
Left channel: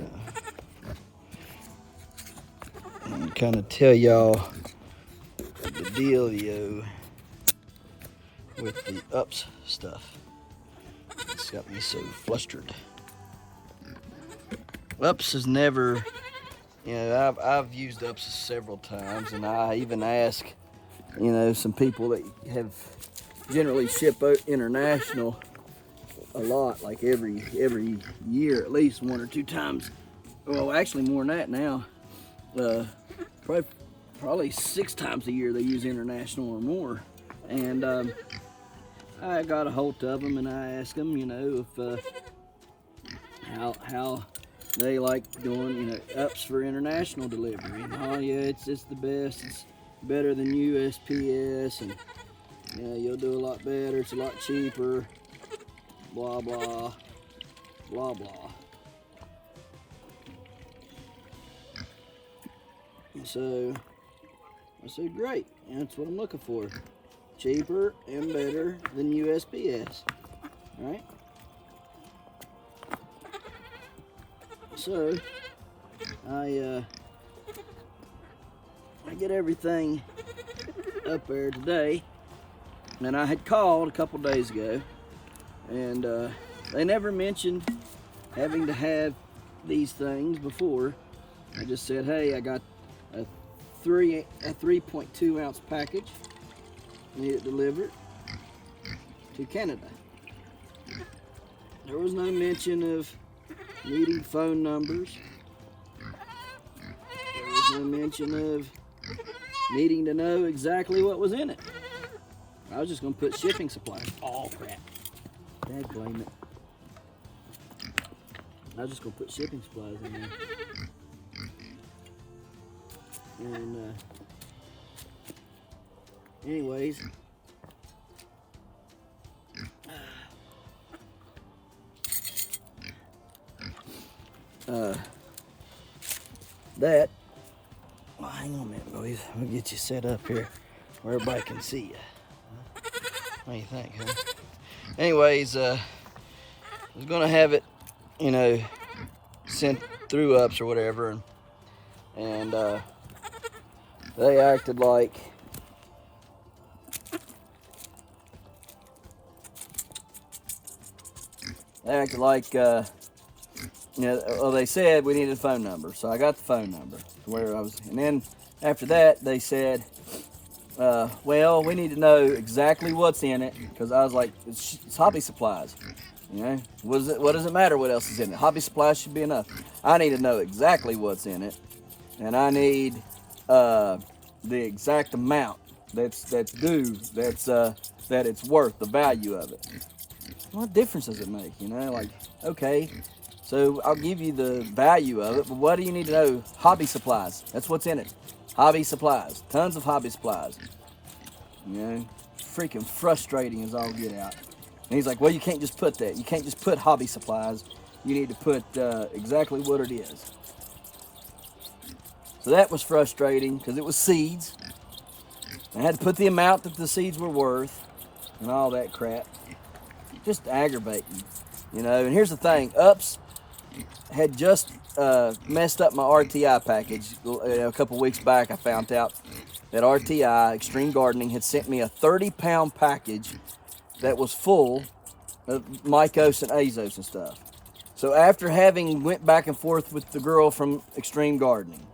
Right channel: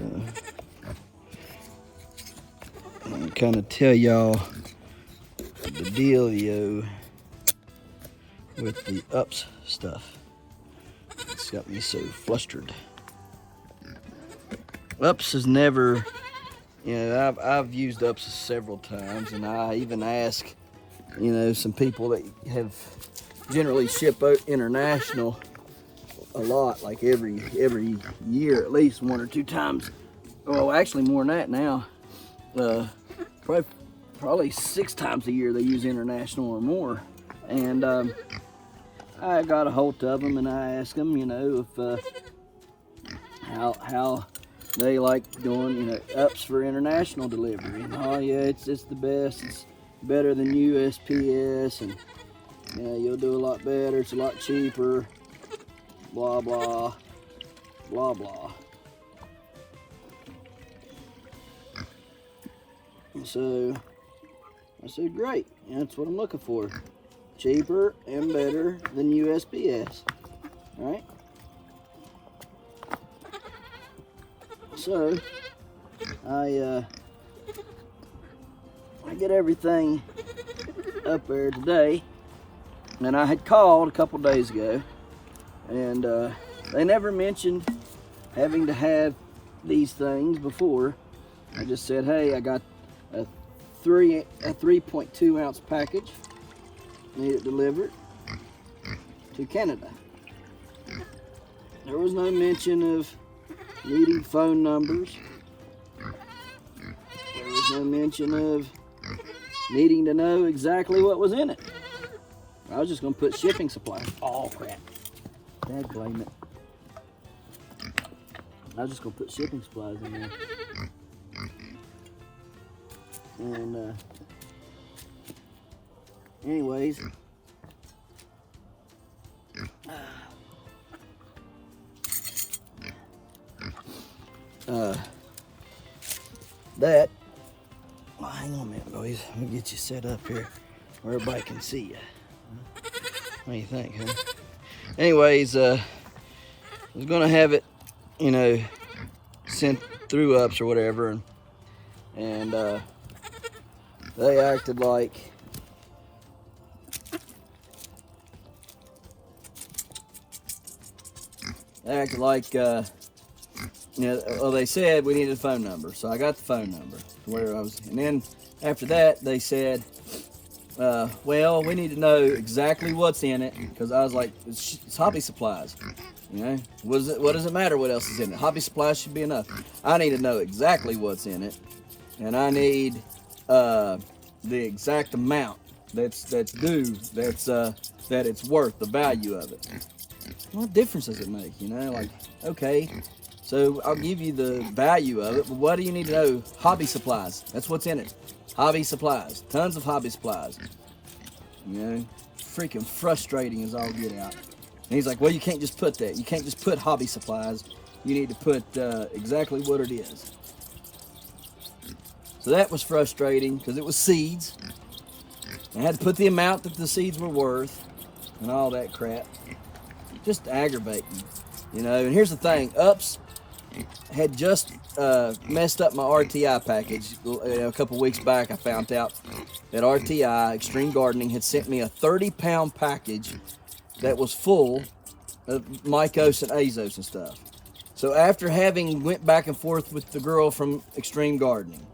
let me kind of tell y'all the dealio with the ups stuff. It's got me so flustered. Ups is never, I've used ups several times, and I even ask, some people that have generally ship out international a lot, like every year, at least 1 or 2 times. Well, actually more than that now. Probably 6 times a year they use international or more. And I got a hold of them and I asked them, if how they like doing, ups for international delivery. And oh yeah, it's the best. It's better than USPS, and yeah, you'll do a lot better. It's a lot cheaper. Blah blah blah blah. And so I said, great, that's what I'm looking for. Cheaper and better than USPS. All right. So I get everything up there today, and I had called a couple days ago, and they never mentioned having to have these things before. I just said, hey, I got a 3.2 ounce package, need it delivered to Canada. There was no mention of needing phone numbers. There was no mention of needing to know exactly what was in it. I was just going to put shipping supplies. Oh, crap. Dad blame it. I was just going to put shipping supplies in there. And, anyways. That. Oh, hang on a minute, boys. Let me get you set up here where everybody can see you. What do you think, huh? Anyways, I was gonna have it, you know, sent through ups or whatever, and they acted like you know, well, they said we needed a phone number, so I got the phone number where I was, and then after that they said, well, we need to know exactly what's in it, because I was like, it's hobby supplies, you know, what does it matter what else is in it? Hobby supplies should be enough. I need to know exactly what's in it, and I need the exact amount that's due, that it's worth, the value of it. What difference does it make, you know? Like, okay, so I'll give you the value of it, but what do you need to know? Hobby supplies. That's what's in it. Hobby supplies. Tons of hobby supplies. You know, freaking frustrating as all get out. And he's like, well, you can't just put that. You can't just put hobby supplies. You need to put exactly what it is. So that was frustrating because it was seeds. I had to put the amount that the seeds were worth and all that crap. Just aggravating, you know. And here's the thing, Ups had just messed up my RTI package. A couple weeks back I found out that RTI, Extreme Gardening, had sent me a 30-pound package that was full of Mycos and Azos and stuff. So after having went back and forth with the girl from Extreme Gardening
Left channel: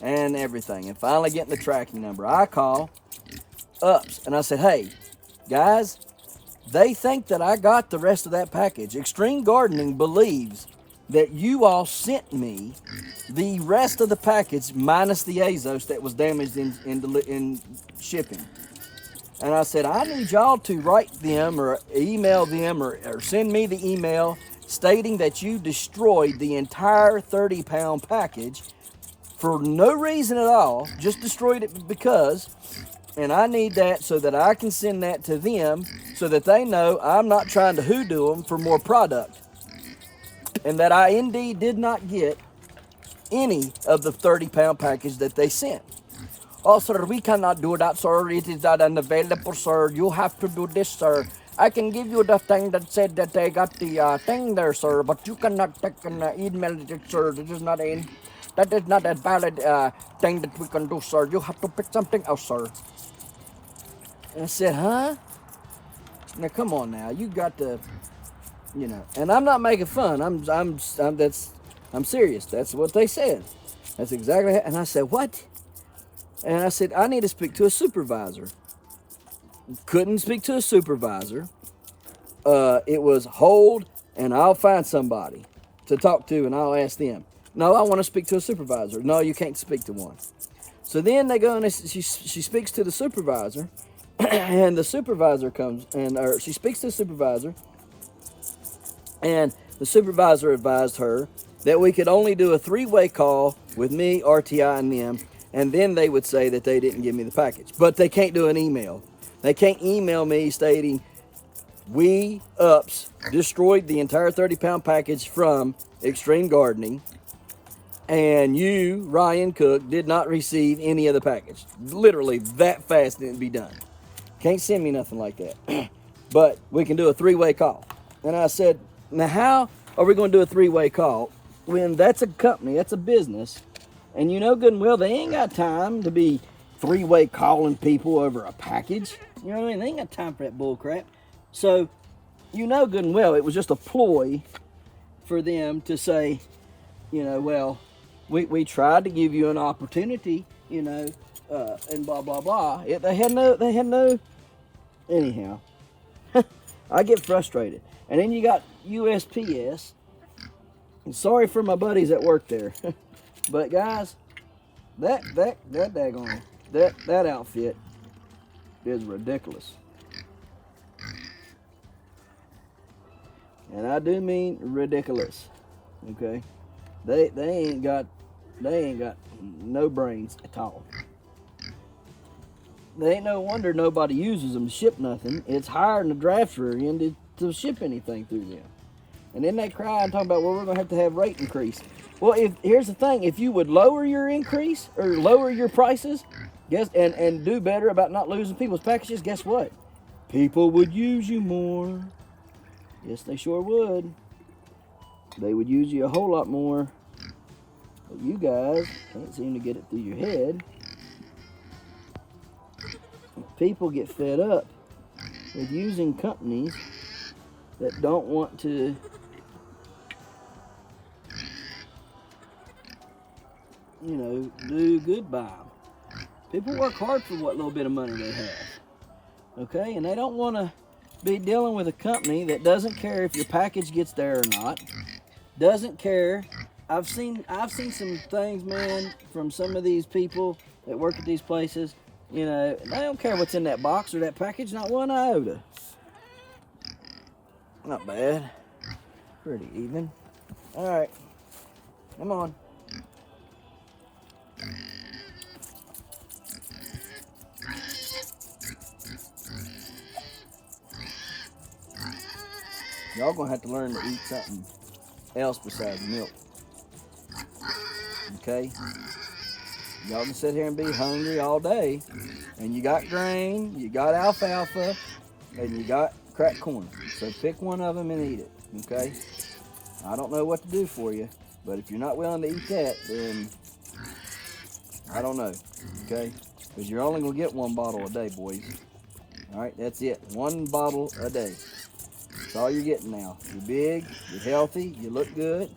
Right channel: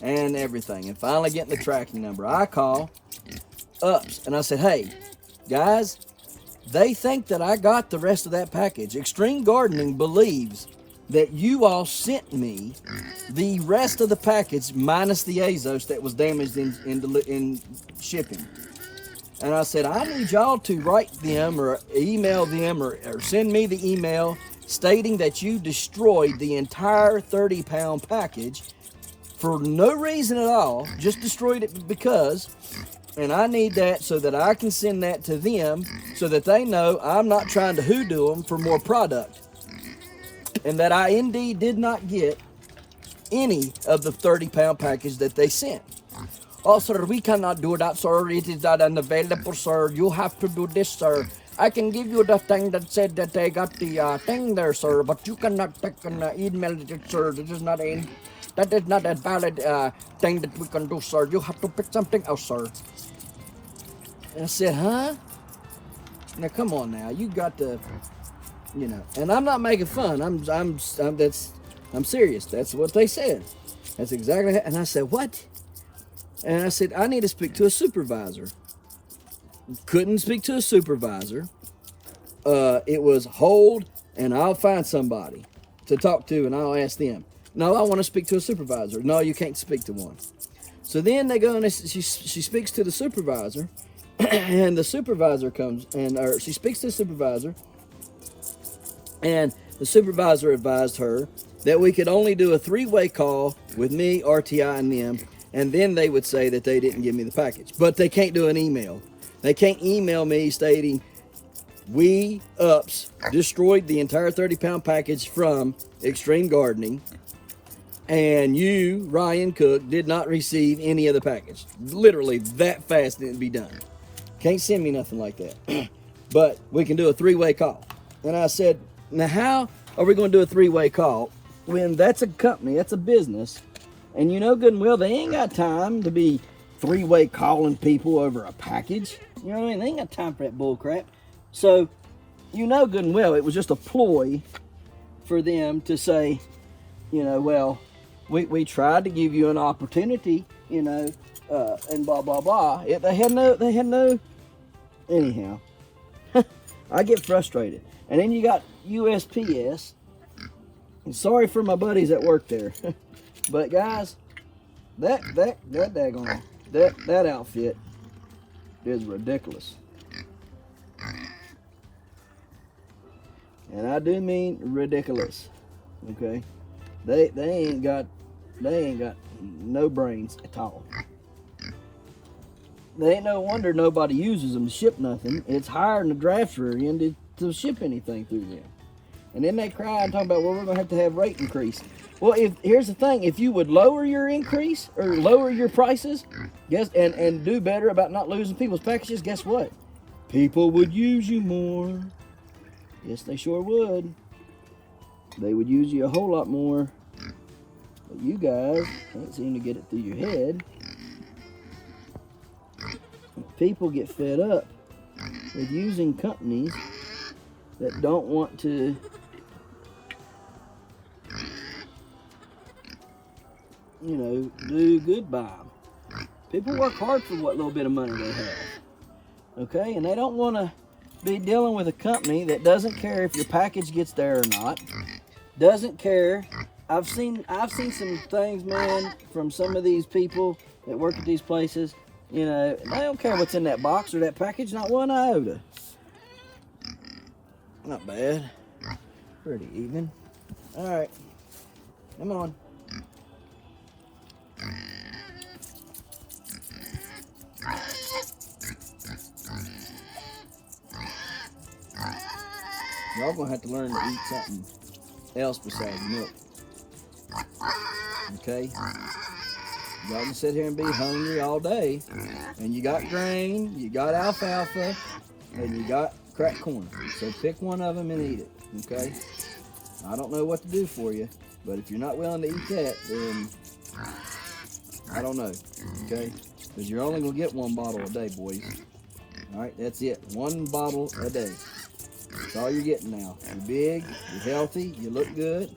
and everything, and finally getting the tracking number, I call Ups and I said, hey, guys, they think that I got the rest of that package. Extreme Gardening believes that you all sent me the rest of the package minus the Azos that was damaged in shipping. And I said, I need y'all to write them or email them or send me the email stating that you destroyed the entire 30-pound package for no reason at all, just destroyed it because, and I need that so that I can send that to them so that they know I'm not trying to hoodoo them for more product. And that I indeed did not get any of the 30-pound package that they sent. Oh, sir, we cannot do that, sir. It is not unavailable, sir. You have to do this, sir. I can give you the thing that said that they got the thing there, sir, but you cannot take and email it, sir. That is not a valid thing that we can do, sir. You have to pick something else, sir. And I said, huh? Now, come on now. You got to, you know, and I'm not making fun. I'm serious. That's what they said. That's exactly how, and I said, what? And I said, I need to speak to a supervisor. Couldn't speak to a supervisor. It was hold and I'll find somebody to talk to and I'll ask them. No, I want to speak to a supervisor. No, you can't speak to one. So then they go and she speaks to the supervisor and the supervisor comes and she speaks to the supervisor and the supervisor advised her that we could only do a 3-way call with me, RTI, and them, and then they would say that they didn't give me the package. But they can't do an email. They can't email me stating, we, Ups, destroyed the entire 30-pound package from Extreme Gardening, and you, Ryan Cook, did not receive any of the package. Literally, that fast didn't be done. Can't send me nothing like that. But we can do a 3-way call. And I said, now how are we going to do a 3-way call when that's a company, that's a business, and you know good and well they ain't got time to be three-way calling people over a package. You know what I mean? They ain't got time for that bull crap. So you know good and well it was just a ploy for them to say, you know, well, we tried to give you an opportunity, you know, and blah blah blah. They had no. Anyhow, I get frustrated, and then you got USPS. And sorry for my buddies that work there, but guys, that daggone that outfit is ridiculous, and I do mean ridiculous. Okay, they ain't got no brains at all. They ain't no wonder nobody uses them to ship nothing. It's hiring the drafter in to ship anything through them. And then they cry and talk about, well, we're going to have rate increase. Well, here's the thing. If you would lower your increase or lower your prices and do better about not losing people's packages, guess what? People would use you more. Yes, they sure would. They would use you a whole lot more. But you guys can't seem to get it through your head. People get fed up with using companies that don't want to do good by them. People work hard for what little bit of money they have. Okay, and they don't want to be dealing with a company that doesn't care if your package gets there or not. Doesn't care. I've seen some things, man, from some of these people that work at these places. You know, they don't care what's in that box or that package, not one iota. Not bad. Pretty even. All right, come on. Y'all gonna have to learn to eat something else besides milk. Okay? Y'all can sit here and be hungry all day, and you got grain, you got alfalfa, and you got cracked corn. So pick one of them and eat it. Okay? I don't know what to do for you, but if you're not willing to eat that, then I don't know. Okay? Because you're only gonna get one bottle a day, boys. All right, that's it. One bottle a day. That's all you're getting now. You're big, you're healthy, you look good,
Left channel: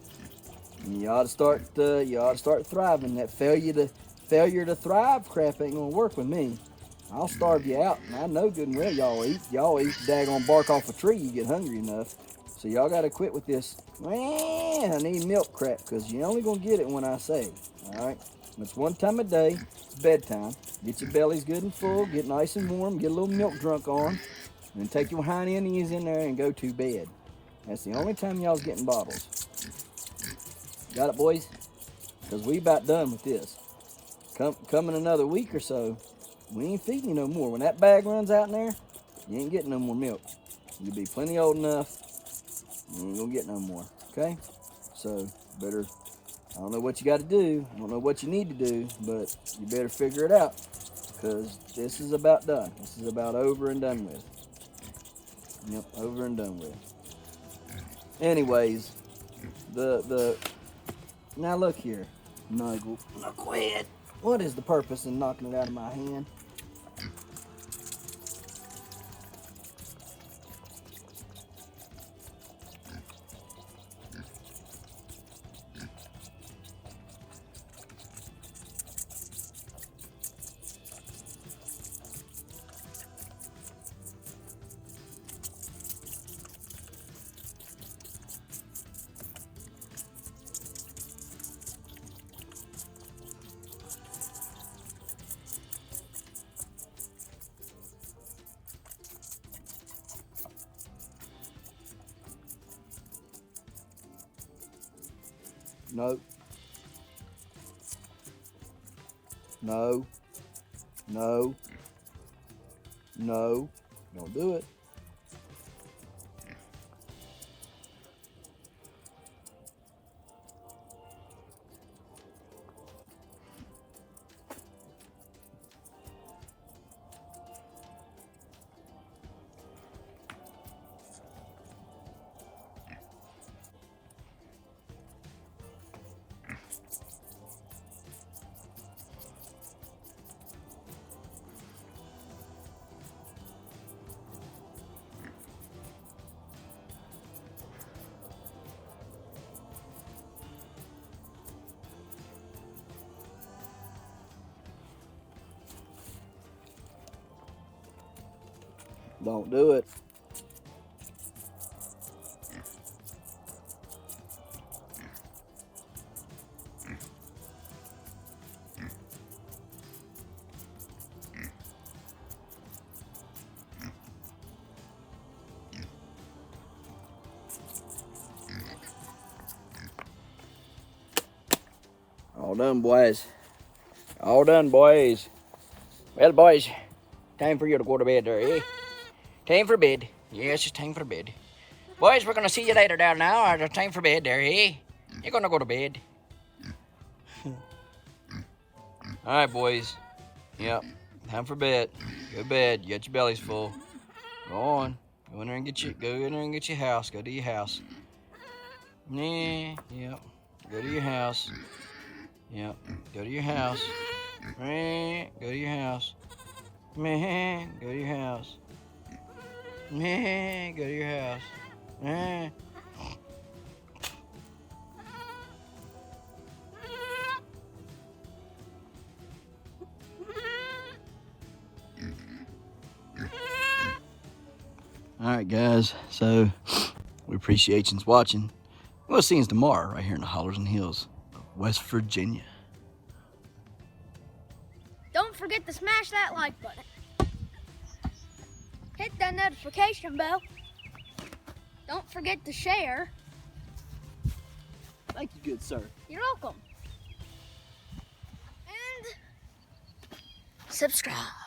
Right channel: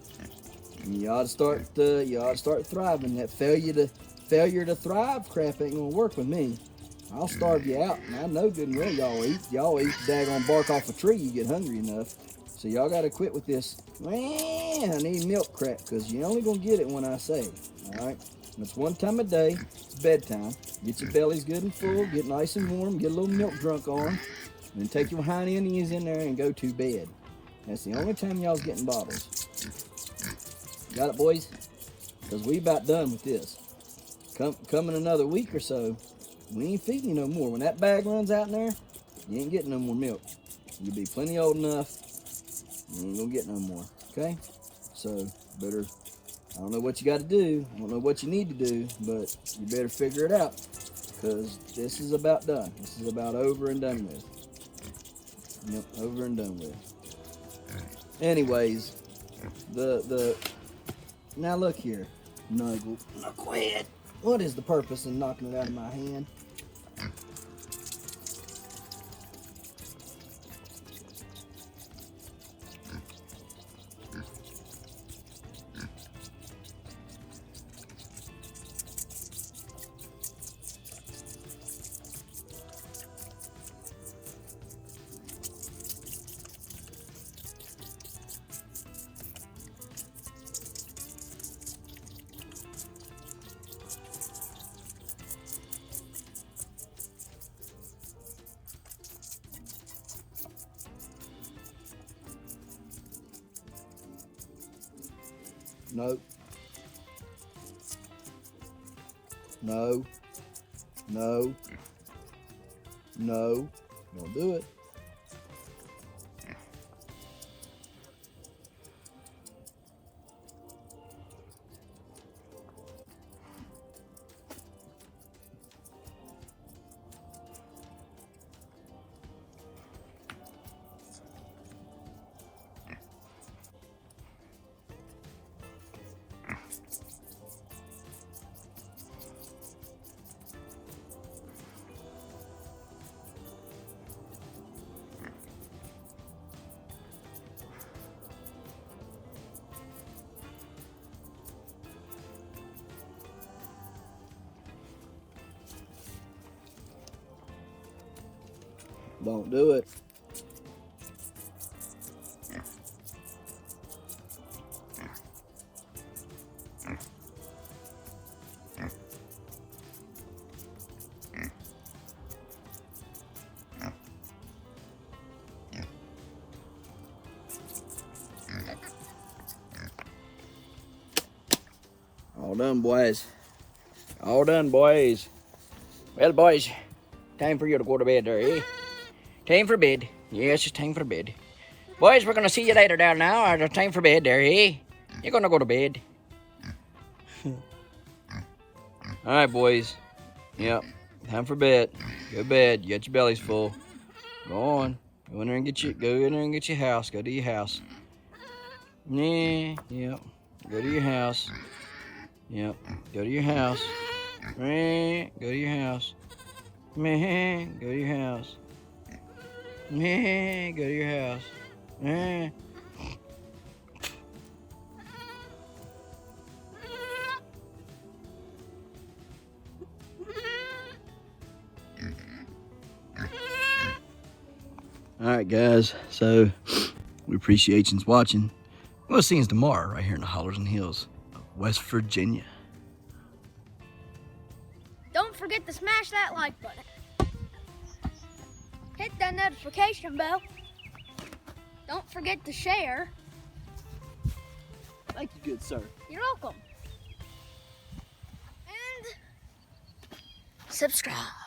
and you ought to start thriving. That failure to thrive crap ain't gonna work with me. I'll starve you out, and I know good and well y'all eat daggone bark off a tree. You get hungry enough, so y'all got to quit with this. Man, I need milk crap, because you're only gonna get it when I say it. All right, and it's one time a day. It's bedtime. Get your bellies good and full. Get nice and warm. Get a little milk drunk on. And take your hind knees in there and go to bed. That's the only time y'all's getting bottles. Got it, boys? Because we about done with this. Come in another week or so, we ain't feeding you no more. When that bag runs out in there, you ain't getting no more milk. You'll be plenty old enough, you ain't gonna get no more. Okay? So, better, I don't know what you got to do. I don't know what you need to do, but you better figure it out. Because this is about done. This is about over and done with. Yep, over and done with. Anyways, now look here, Nuggle. Now quit. What is the purpose in knocking it out of my hand? No. No. No. No. Don't do it. Don't do it. All done, boys. All done, boys. Well, boys, time for you to go to bed there, eh? Time for bed. Yes, it's time for bed. Boys, we're going to see you later down now. It's time for bed there, eh? You're going to go to bed. All right, boys. Yep, time for bed. Go to bed. You got your bellies full. Go on. Go in there and get your house. Go to your house. Yeah, yep. Go to your house. Yep. Go to your house. Meh. Go to your house. Meh. Go to your house. Meh. Go to your house. Meh. Alright guys, so we appreciate you watching. We'll see you tomorrow right here in the hollers and hills of West Virginia. Don't forget to smash that like button. Hit that notification bell. Don't forget to share. Thank you, good sir. You're welcome. And subscribe.